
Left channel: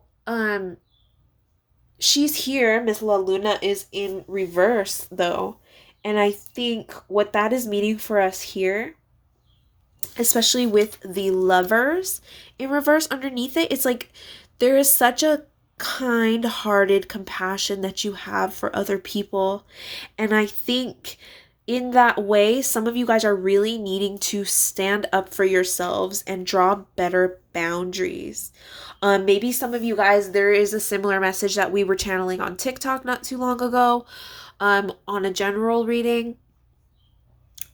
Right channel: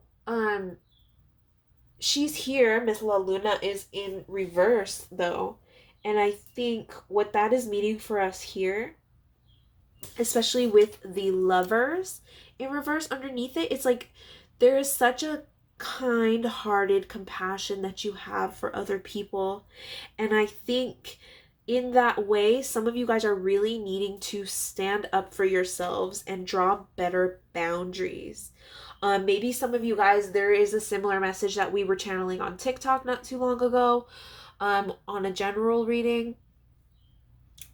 she's here. Miss La Luna is in reverse, though. And I think what that is meaning for us here, especially with the Lovers in reverse underneath it, it's like there is such a kind-hearted compassion that you have for other people. And I think in that way, some of you guys are really needing to stand up for yourselves and draw better boundaries. Maybe some of you guys, there is a similar message that we were channeling on TikTok not too long ago, on a general reading,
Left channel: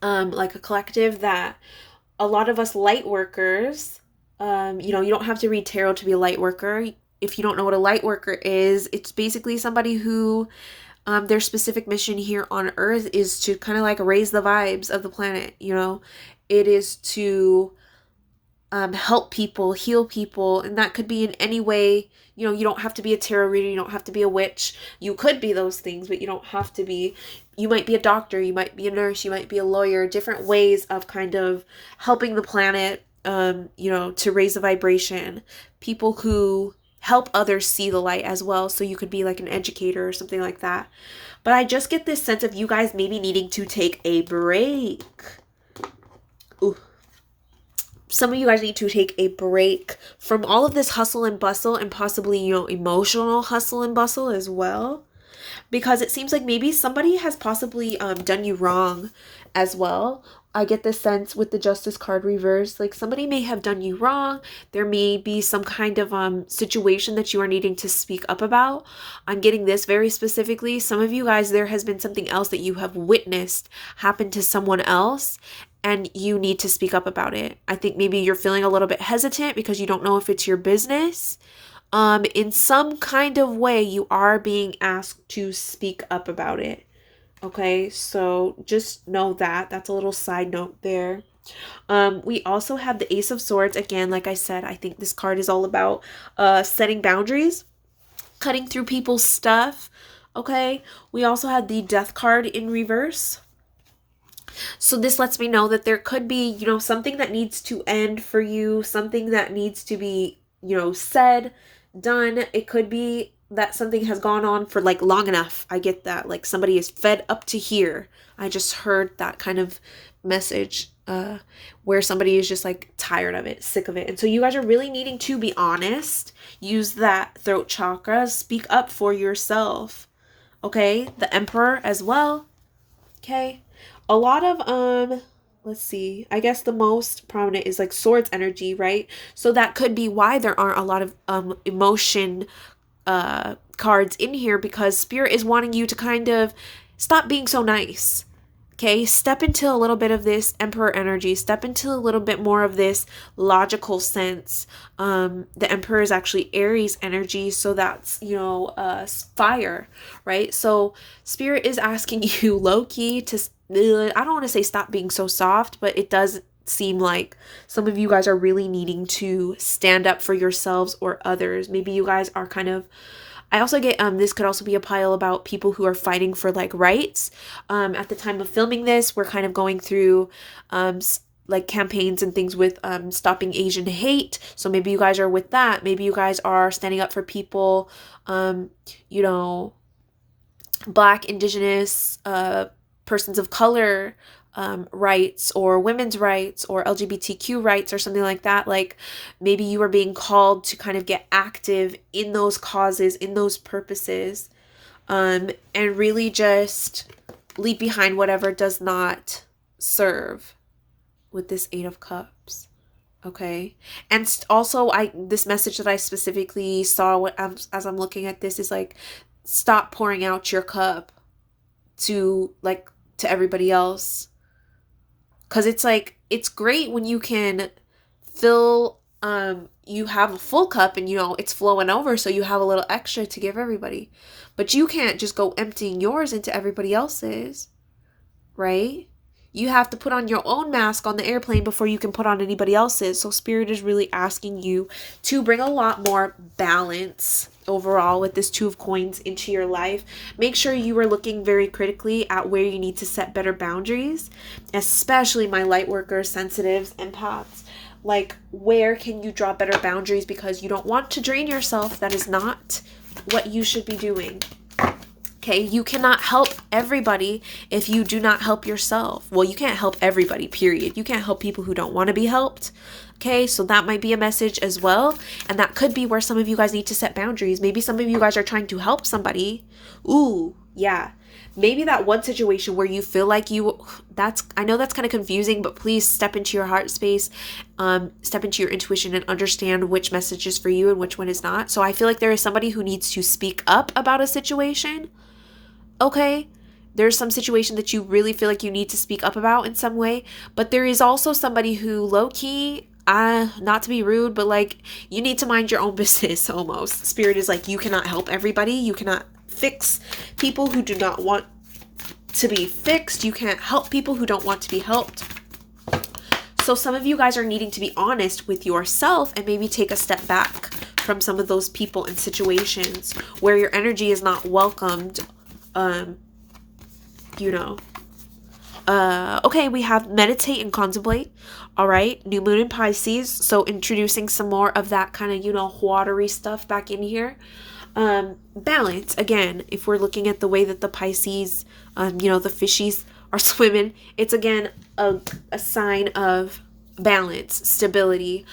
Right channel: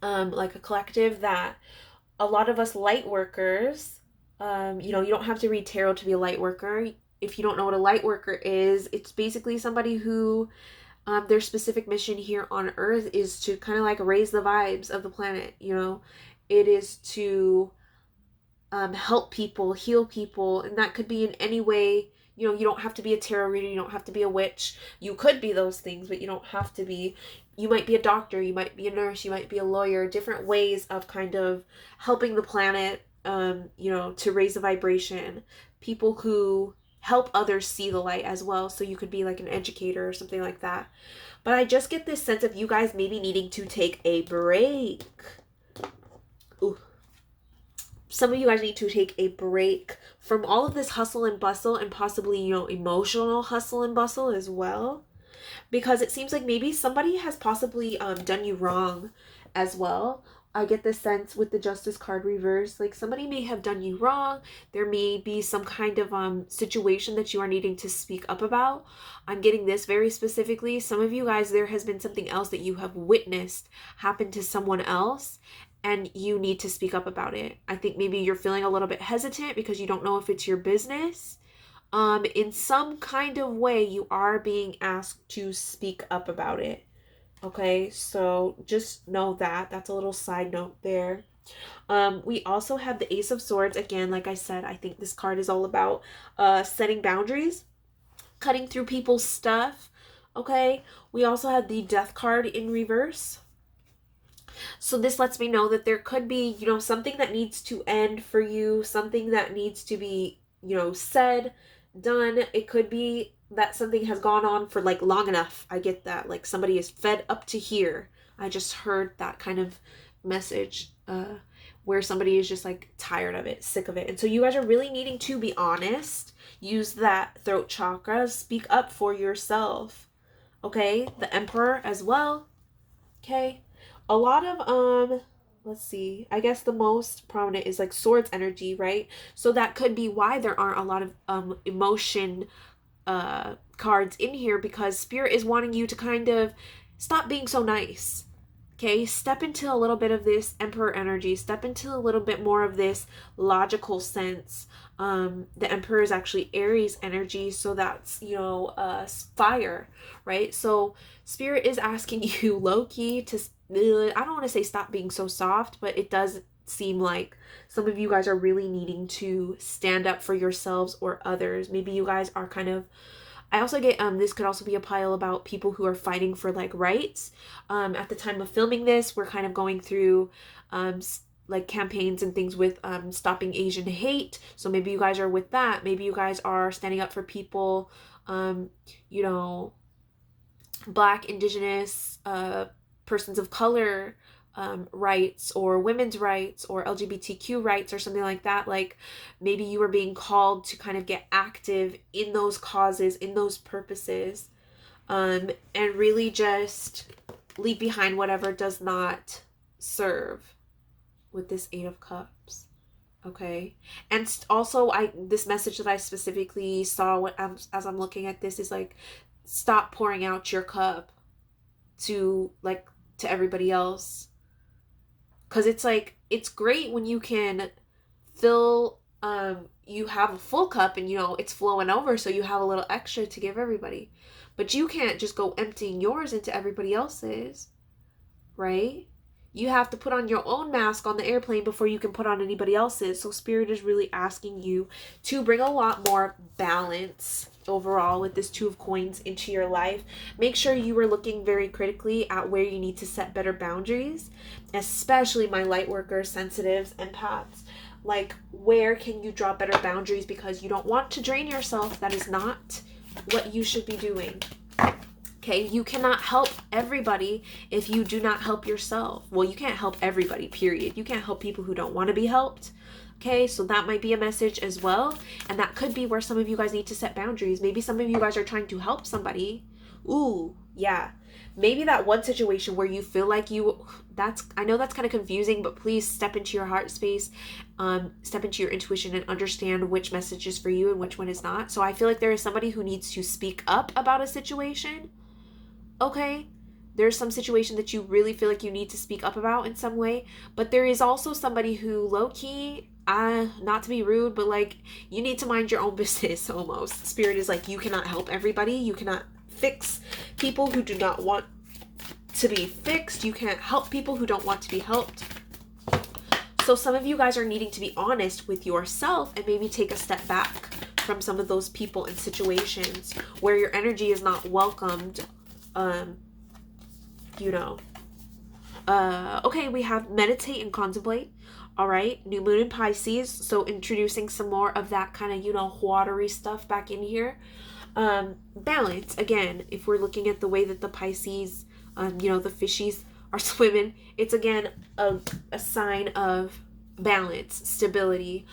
like a collective, that a lot of us light workers, you don't have to read tarot to be a light worker. If you don't know what a light worker is, it's basically somebody who, their specific mission here on Earth is to kind of like raise the vibes of the planet. It is to help people, heal people, and that could be in any way. You don't have to be a tarot reader, you don't have to be a witch. You could be those things, but you don't have to be. You might be a doctor, you might be a nurse, you might be a lawyer, different ways of kind of helping the planet, to raise the vibration. People who help others see the light as well, so you could be like an educator or something like that. But I just get this sense of you guys maybe needing to take a break. Ooh. Some of you guys need to take a break from all of this hustle and bustle, and possibly, emotional hustle and bustle as well. Because it seems like maybe somebody has possibly done you wrong as well. I get the sense with the Justice card reverse, like somebody may have done you wrong. There may be some kind of situation that you are needing to speak up about. I'm getting this very specifically. Some of you guys, there has been something else that you have witnessed happen to someone else, and you need to speak up about it. I think maybe you're feeling a little bit hesitant because you don't know if it's your business. In some kind of way, you are being asked to speak up about it. Okay, so just know that. That's a little side note there. We also have the Ace of Swords. Again, like I said, I think this card is all about setting boundaries, cutting through people's stuff. Okay, we also had the Death card in reverse. So this lets me know that there could be, something that needs to end for you, something that needs to be, said, done. It could be that something has gone on for like long enough. I get that. Like somebody is fed up to here. I just heard that kind of message, where somebody is just like tired of it, sick of it. And so you guys are really needing to be honest. Use that throat chakra. Speak up for yourself. Okay? The Emperor as well. Okay? A lot of let's see, I guess the most prominent is like Swords energy, right? So that could be why there aren't a lot of emotion cards in here, because Spirit is wanting you to kind of stop being so nice. Okay, step into a little bit of this Emperor energy, step into a little bit more of this logical sense. The Emperor is actually Aries energy, so that's, fire, right? So Spirit is asking you low-key to, I don't want to say stop being so soft, but it does seem like some of you guys are really needing to stand up for yourselves or others. Maybe you guys are kind of, I also get this could also be a pile about people who are fighting for like rights. At the time of filming this, we're kind of going through like campaigns and things with stopping Asian hate. So maybe you guys are with that. Maybe you guys are standing up for people, Black, Indigenous, persons of color, rights or women's rights or LGBTQ rights or something like that. Like maybe you are being called to kind of get active in those causes, in those purposes, and really just leave behind whatever does not serve with this Eight of Cups. Okay. And also this message that I specifically saw as I'm looking at this is like, stop pouring out your cup to everybody else. Because it's like, it's great when you can fill, you have a full cup and, it's flowing over, so you have a little extra to give everybody. But you can't just go emptying yours into everybody else's, right? You have to put on your own mask on the airplane before you can put on anybody else's. So Spirit is really asking you to bring a lot more balance overall with this Two of Coins into your life. Make sure you are looking very critically at where you need to set better boundaries, especially my light workers, sensitives, empaths. Like, where can you draw better boundaries, because you don't want to drain yourself. That is not what you should be doing. Okay, you cannot help everybody if you do not help yourself. Well, you can't help everybody, period. You can't help people who don't want to be helped. Okay, so that might be a message as well. And that could be where some of you guys need to set boundaries. Maybe some of you guys are trying to help somebody. Ooh, yeah. Maybe that one situation where you feel like I know that's kind of confusing, but please step into your heart space, step into your intuition and understand which message is for you and which one is not. So I feel like there is somebody who needs to speak up about a situation. Okay, there's some situation that you really feel like you need to speak up about in some way, but there is also somebody who low-key, not to be rude, but like, you need to mind your own business almost. Spirit is like, you cannot help everybody. You cannot fix people who do not want to be fixed. You can't help people who don't want to be helped. So some of you guys are needing to be honest with yourself and maybe take a step back from some of those people and situations where your energy is not welcomed. Okay, we have meditate and contemplate. All right, new moon in Pisces. So introducing some more of that kind of, watery stuff back in here. Balance, again, if we're looking at the way that the Pisces, the fishies are swimming, it's again a sign of balance, stability.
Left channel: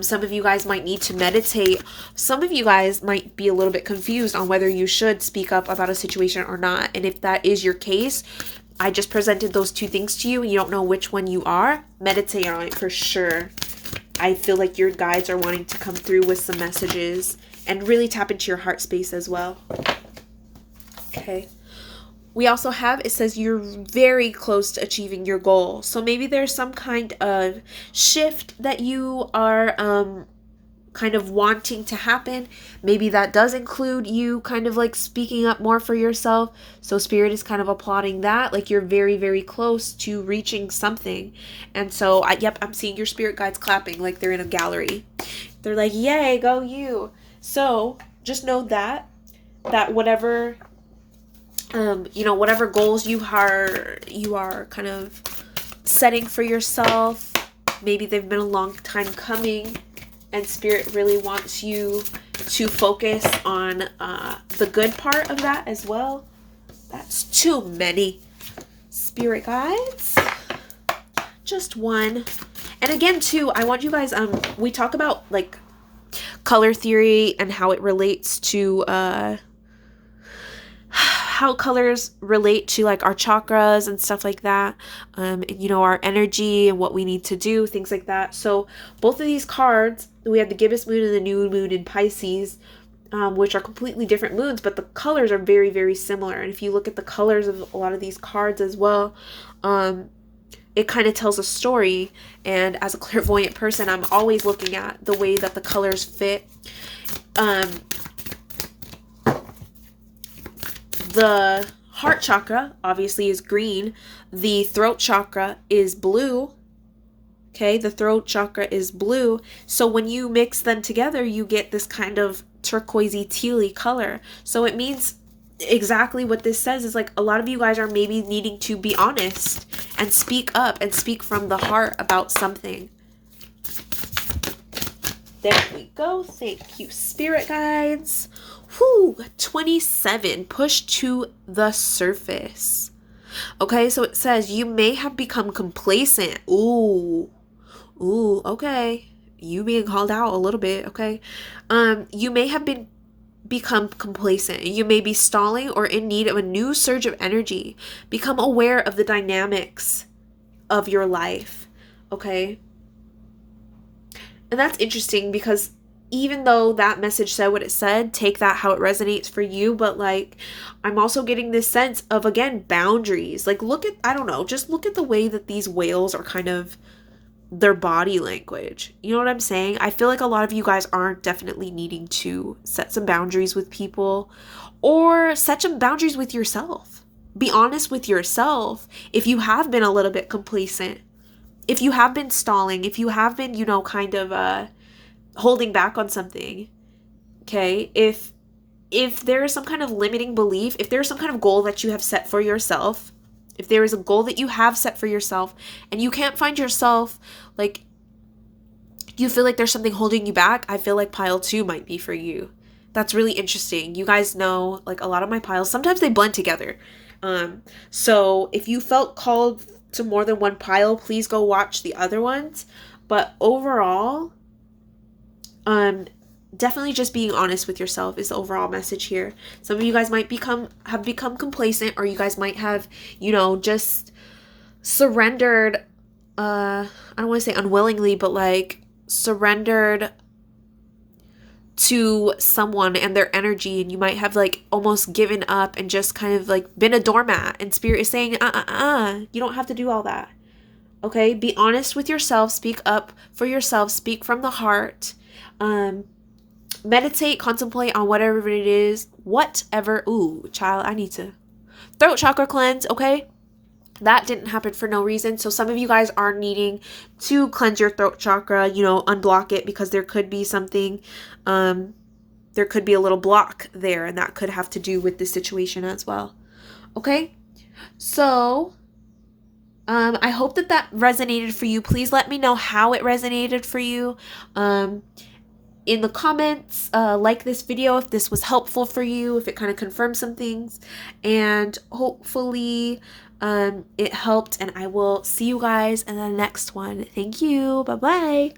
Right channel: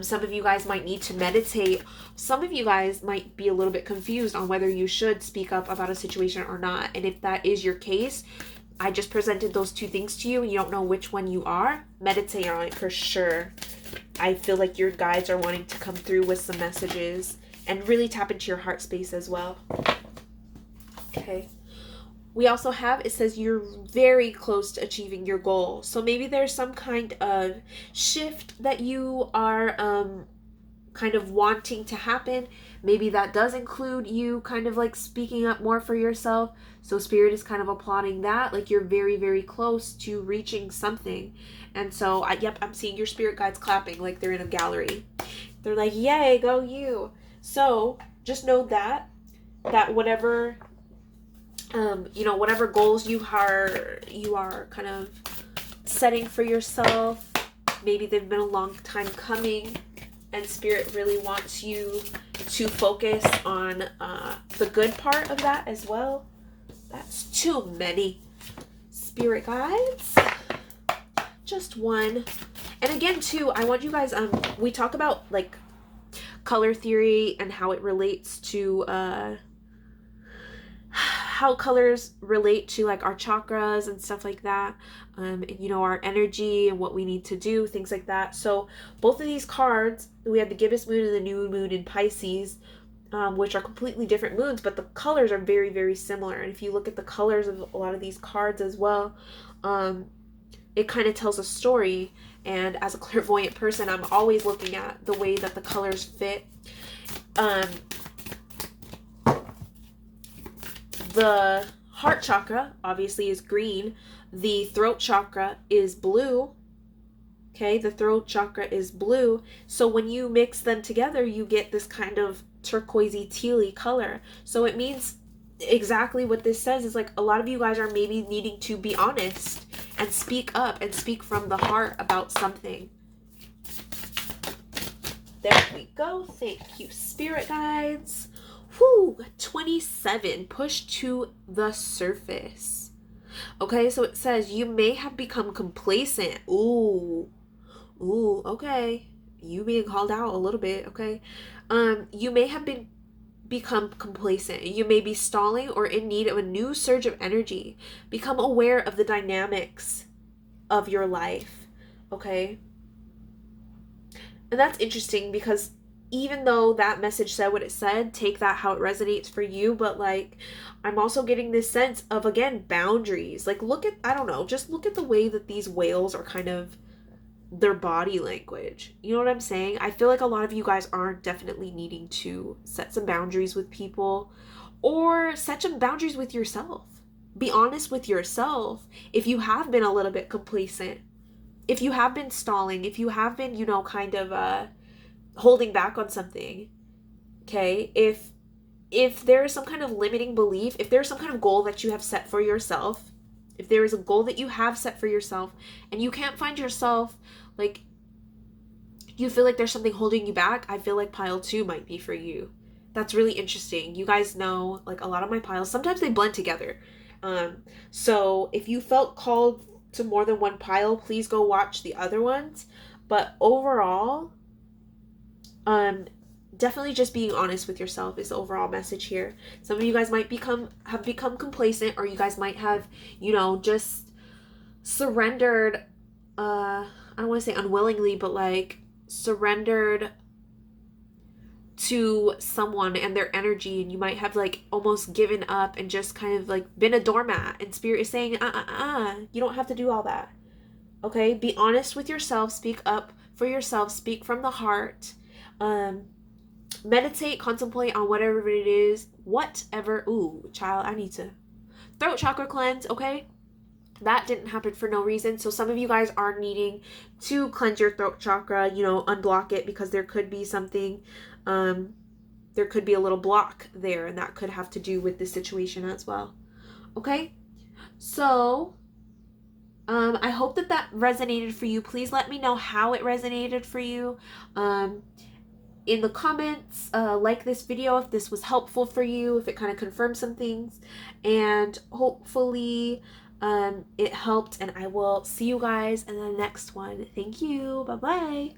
Some of you guys might need to meditate. Some of you guys might be a little bit confused on whether you should speak up about a situation or not. And if that is your case, I just presented those two things to you and you don't know which one you are, meditate on it for sure. I feel like your guides are wanting to come through with some messages, and really tap into your heart space as well. Okay. We also have, it says you're very close to achieving your goal. So maybe there's some kind of shift that you are kind of wanting to happen. Maybe that does include you kind of like speaking up more for yourself. So Spirit is kind of applauding that. Like, you're very, very close to reaching something. And so, I'm seeing your spirit guides clapping like they're in a gallery. They're like, yay, go you. So just know that whatever, whatever goals you are kind of setting for yourself, maybe they've been a long time coming, and Spirit really wants you to focus on the good part of that as well. That's too many spirit guides. Just one. And again, too, I want you guys, we talk about like color theory and how it relates to how colors relate to like our chakras and stuff like that, and our energy and what we need to do, things like that. So both of these cards, we have the gibbous moon and the new moon in Pisces, which are completely different moons, but the colors are very, very similar. And if you look at the colors of a lot of these cards as well, it kind of tells a story. And as a clairvoyant person, I'm always looking at the way that the colors fit. The heart chakra obviously is green. The throat chakra is blue. Okay, the throat chakra is blue. So when you mix them together, you get this kind of turquoisey, tealy color. So it means exactly what this says is like a lot of you guys are maybe needing to be honest and speak up and speak from the heart about something. There we go. Thank you, spirit guides. Whew, 27, push to the surface. Okay, so it says you may have become complacent. Ooh. Ooh, okay. You being called out a little bit, okay? You may have become complacent. You may be stalling or in need of a new surge of energy. Become aware of the dynamics of your life, okay? And that's interesting because even though that message said what it said, take that how it resonates for you. But like, I'm also getting this sense of, again, boundaries. Like, look at, I don't know, just look at the way that these whales are kind of their body language. You know what I'm saying? I feel like a lot of you guys are definitely needing to set some boundaries with people or set some boundaries with yourself. Be honest with yourself if you have been a little bit complacent, if you have been stalling, if you have been, you know, kind of holding back on something. Okay? If there is some kind of limiting belief, if there's some kind of goal that you have set for yourself, if there is a goal that you have set for yourself and you can't find yourself, like, you feel like there's something holding you back, I feel like pile 2 might be for you. That's really interesting. You guys know, like, a lot of my piles, sometimes they blend together. So if you felt called to more than one pile, please go watch the other ones. But overall, definitely just being honest with yourself is the overall message here. Some of you guys might have become complacent, or you guys might have, you know, just surrendered, I don't want to say unwillingly, but like surrendered to someone and their energy, and you might have like almost given up and just kind of like been a doormat, and spirit is saying, you don't have to do all that. Okay? Be honest with yourself, speak up for yourself, speak from the heart. Meditate, contemplate on whatever it is, whatever. Ooh, child, I need to throat chakra cleanse, okay? That didn't happen for no reason. So some of you guys are needing to cleanse your throat chakra, you know, unblock it, because there could be something, there could be a little block there, and that could have to do with this situation as well. Okay? So, I hope that resonated for you. Please let me know how it resonated for you. In the comments, like this video if this was helpful for you, if it kind of confirmed some things, and hopefully it helped, and I will see you guys in the next one. Thank you. Bye-bye.